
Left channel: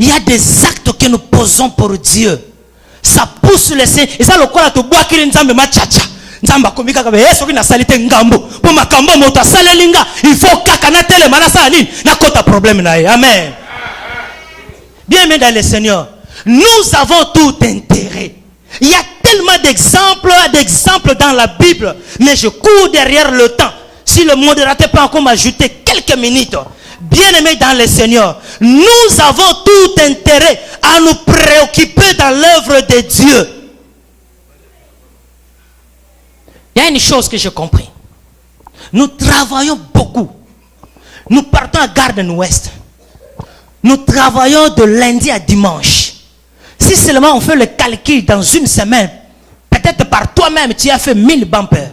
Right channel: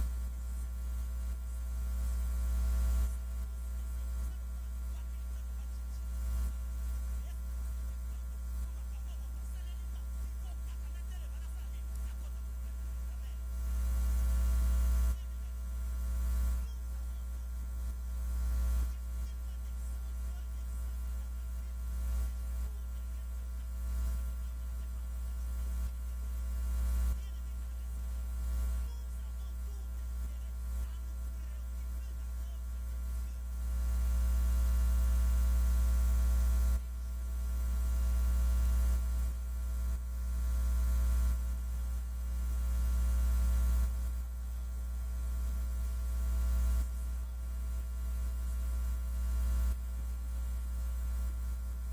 Il y a des actes que nous posons pour Dieu. Ça pousse le Seigneur. Et ça, le quoi, tu bois qu'il nzambe ma tchacha. Nzamba komika kabe yeso ki na salite ngambo. Po makambo moto salelinga. Il faut kakana tele manasa aline. Na kota problème na. Amen. Bien aimé dans le Seigneur, nous avons tout intérêt. Il y a tellement d'exemples dans la Bible, mais je cours derrière le temps. Si le modérateur peut encore m'ajouter quelques minutes, Bien-aimés dans le Seigneur, nous avons tout intérêt à nous préoccuper dans l'œuvre de Dieu. Il y a une chose que j'ai compris. Nous travaillons beaucoup. Nous partons à Garden-Ouest. Nous travaillons de lundi à dimanche. Si seulement on fait le calcul dans une semaine, peut-être par toi-même, tu as fait 1000 bumpers.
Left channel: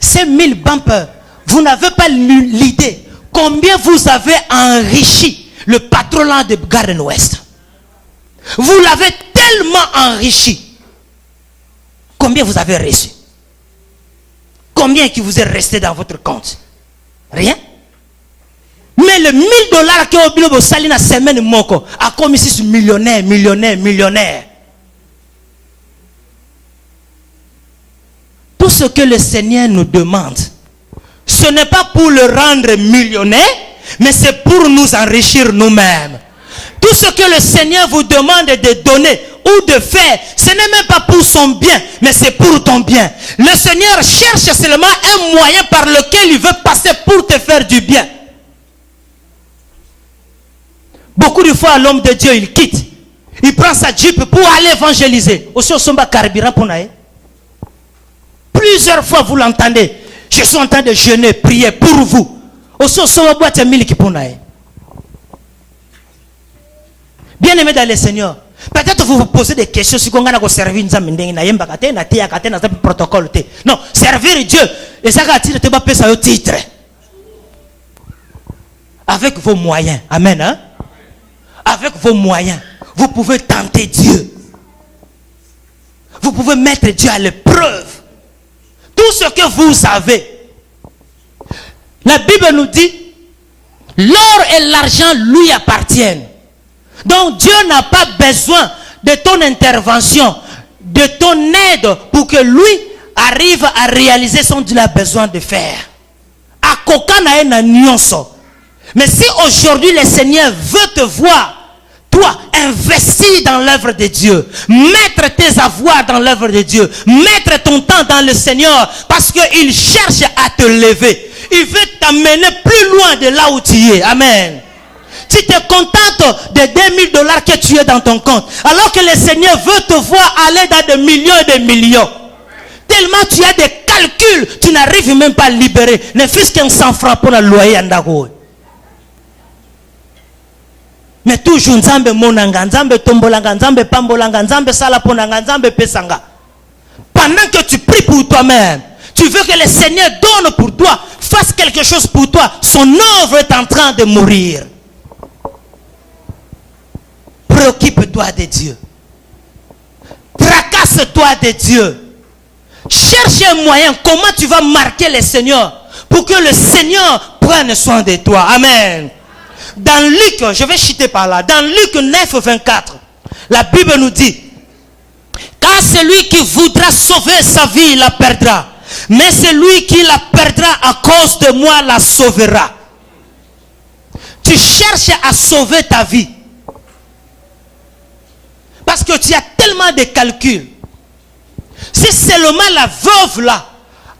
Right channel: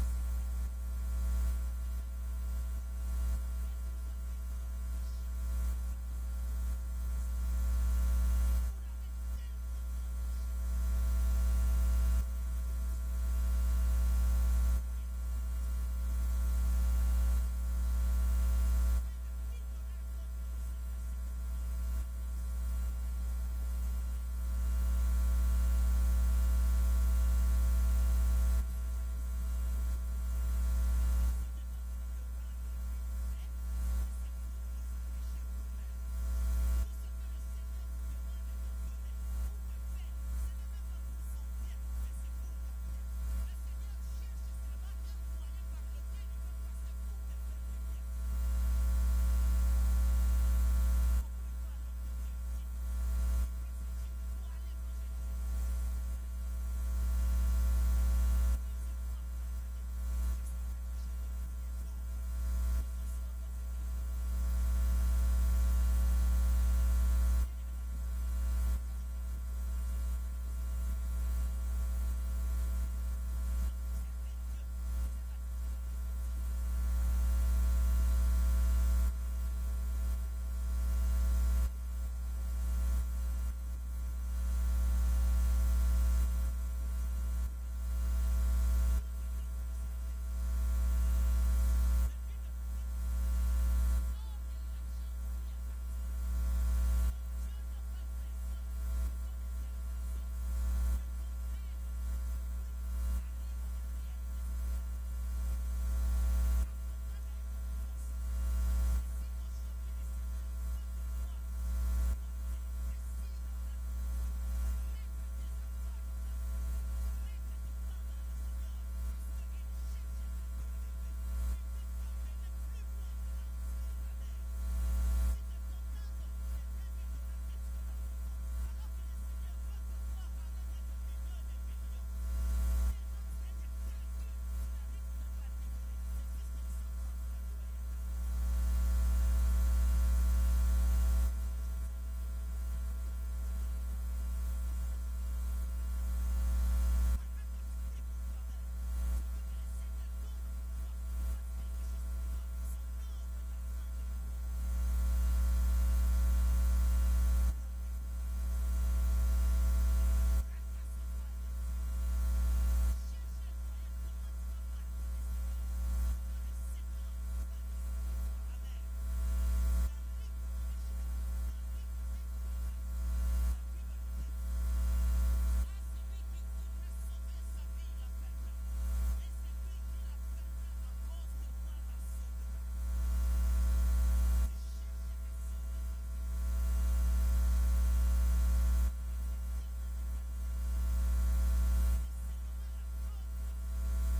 Ces 1000 bumpers, vous n'avez pas l'idée combien vous avez enrichi le patronat de Garden-Ouest. Vous l'avez tellement enrichi. Combien vous avez reçu? Combien qui vous est resté dans votre compte? Rien. Mais le $1000 que vous avez sali na semaine moko a comme ici millionnaire. Tout ce que le Seigneur nous demande, ce n'est pas pour le rendre millionnaire, mais c'est pour nous enrichir nous-mêmes. Tout ce que le Seigneur vous demande de donner ou de faire, ce n'est même pas pour son bien, mais c'est pour ton bien. Le Seigneur cherche seulement un moyen par lequel il veut passer pour te faire du bien. Beaucoup de fois, l'homme de Dieu, il quitte. Il prend sa jeep pour aller évangéliser. Aussi, au somba carburant pour naïe. Plusieurs fois, vous l'entendez. Je suis en train de jeûner, prier pour vous. Aussi, au somba boîte mille qui pour naïe. Bien aimé dans le Seigneur, peut-être vous vous posez des questions si vous avez servi protocole. Non, servir Dieu. Et ça va titre titre. Avec vos moyens. Amen. Hein? Avec vos moyens, vous pouvez tenter Dieu. Vous pouvez mettre Dieu à l'épreuve. Tout ce que vous avez. La Bible nous dit, l'or et l'argent lui appartiennent. Donc Dieu n'a pas besoin de ton intervention, de ton aide pour que lui arrive à réaliser ce qu'il a besoin de faire. À kokana na nyonso. Mais si aujourd'hui le Seigneur veut te voir, toi, investir dans l'œuvre de Dieu, mettre tes avoirs dans l'œuvre de Dieu, mettre ton temps dans le Seigneur, parce qu'il cherche à te lever. Il veut t'amener plus loin de là où tu es. Amen. Tu te contentes de $2000 que tu as dans ton compte, alors que le Seigneur veut te voir aller dans des millions et des millions. Tellement tu as des calculs, tu n'arrives même pas à libérer. Ne fût-ce qu'un 100 francs pour le loyer en Dago. Mais toujours Nzambe monanga, Nzambe tombolanga, Nzambe pambolanga, Nzambe salaponanga, Nzambe pesanga. Pendant que tu pries pour toi-même, tu veux que le Seigneur donne pour toi, fasse quelque chose pour toi. Son œuvre est en train de mourir. Préoccupe-toi de Dieu. Tracasse-toi de Dieu. Cherche un moyen. Comment tu vas marquer le Seigneur pour que le Seigneur prenne soin de toi. Amen. Dans Luc, je vais chuter par là. Dans Luc 9, 24, la Bible nous dit, car celui qui voudra sauver sa vie, la perdra. Mais celui qui la perdra à cause de moi, la sauvera. Tu cherches à sauver ta vie. Parce que tu as tellement de calculs. Si seulement la veuve là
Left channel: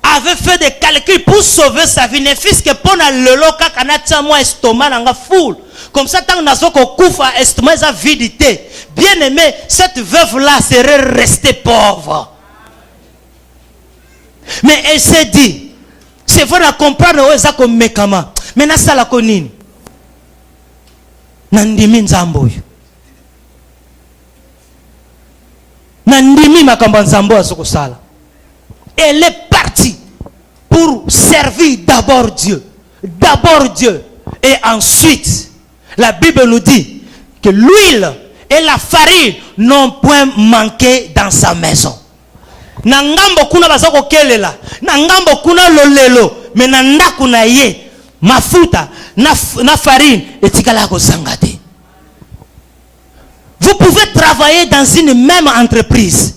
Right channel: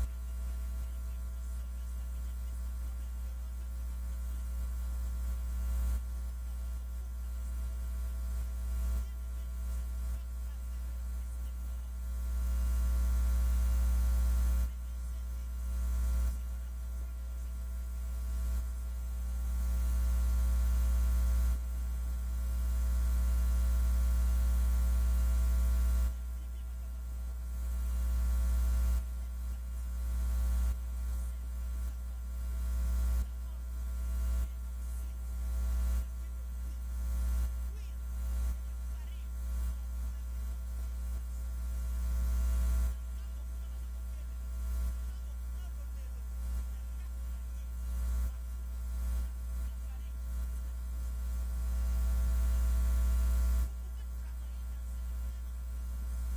avait fait des calculs pour sauver sa vie, ne fût-ce que pour le loca kanata moi estomac nanga full. Comme ça tant nazo ko kufa estomac sa vidité. Bien aimé, cette veuve là serait restée pauvre. Mais elle s'est dit, c'est vrai à comprendre où ça comme médicament. Mais na sala konini. Nandimi nzambo. Nandimi makambo nzambo asoko sala. Elle est partie pour servir d'abord Dieu. D'abord Dieu. Et ensuite, la Bible nous dit que l'huile et la farine n'ont point manqué dans sa maison. Nangambo kuna bazako kelela. Nangambo kuna lolelo. Mais nanda kuna ye. Mafuta. Na farine. Et tikala ko sangate. Vous pouvez travailler dans une même entreprise.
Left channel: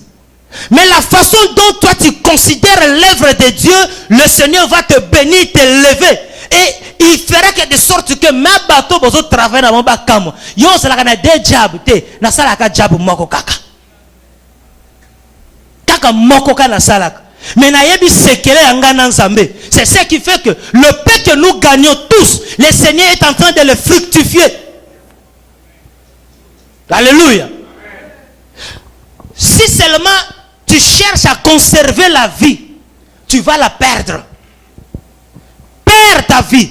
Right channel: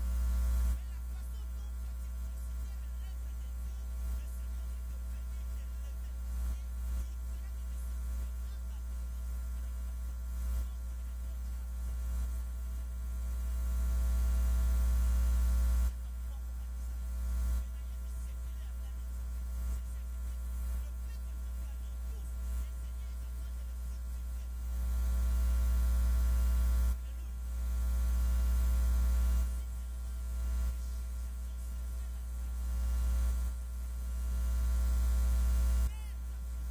Mais la façon dont toi tu considères l'œuvre de Dieu, le Seigneur va te bénir, te lever. Et il fera que de sorte que ma bateau bozo travailler dans mon bakamo. Yo sala kana de job te, na sala ka job moko kaka. Kaka moko kana sala. Mais c'est ce qui fait que le pain que nous gagnons tous, le Seigneur est en train de le fructifier. Alléluia. Si seulement tu cherches à conserver la vie, tu vas la perdre. Perds ta vie.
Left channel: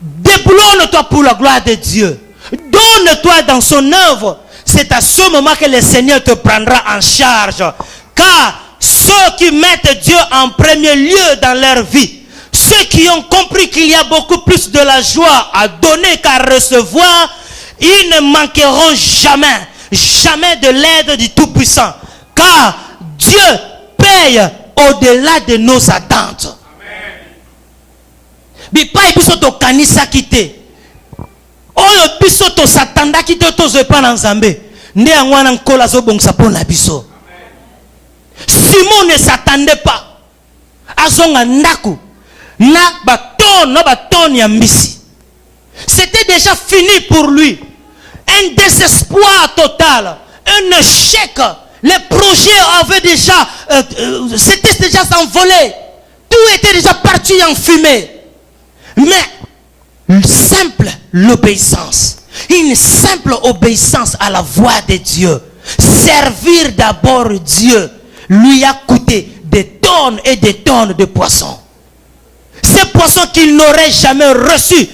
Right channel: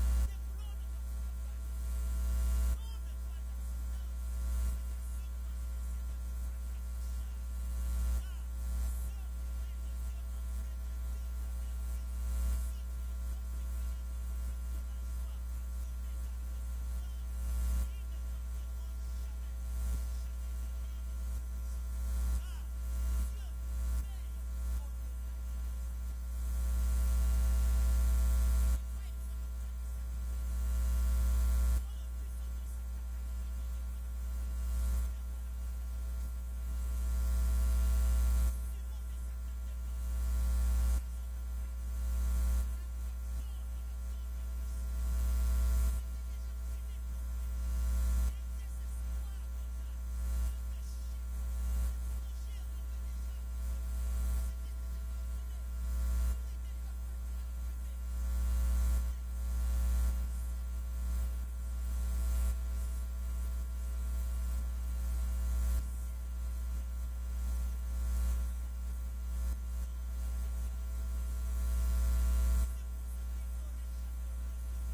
Déboulonne-toi pour la gloire de Dieu. Donne-toi dans son œuvre. C'est à ce moment que le Seigneur te prendra en charge. Car ceux qui mettent Dieu en premier lieu dans leur vie, ceux qui ont compris qu'il y a beaucoup plus de la joie à donner qu'à recevoir, ils ne manqueront jamais, jamais de l'aide du Tout-Puissant. Car Dieu paye au-delà de nos attentes. Bipa biso to kanisa kite. Oyo biso to satanda kite to zepa na Nzambe. Nde angwana nkola zo bongsa pona biso. Simon ne s'attendait pas. Azonga ndaku na baton ya mbisi. C'était déjà fini pour lui. Un désespoir total, un échec. Les projets avaient déjà c'était déjà s'envolé. Tout était déjà parti en fumée. Mais une simple obéissance à la voix de Dieu, servir d'abord Dieu, lui a coûté des tonnes et des tonnes de poissons. Ces poissons qu'il n'aurait jamais reçus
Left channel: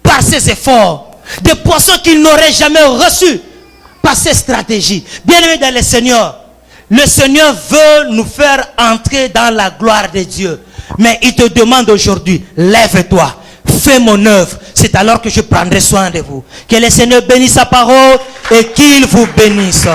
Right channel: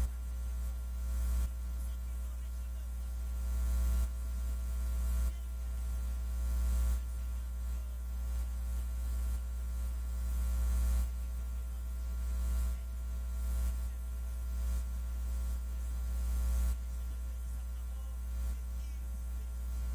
par ses efforts, des poissons qu'il n'aurait jamais reçus par ses stratégies. Bien-aimés dans le Seigneur veut nous faire entrer dans la gloire de Dieu. Mais il te demande aujourd'hui, lève-toi, fais mon œuvre. C'est alors que je prendrai soin de vous. Que le Seigneur bénisse sa parole et qu'il vous bénisse.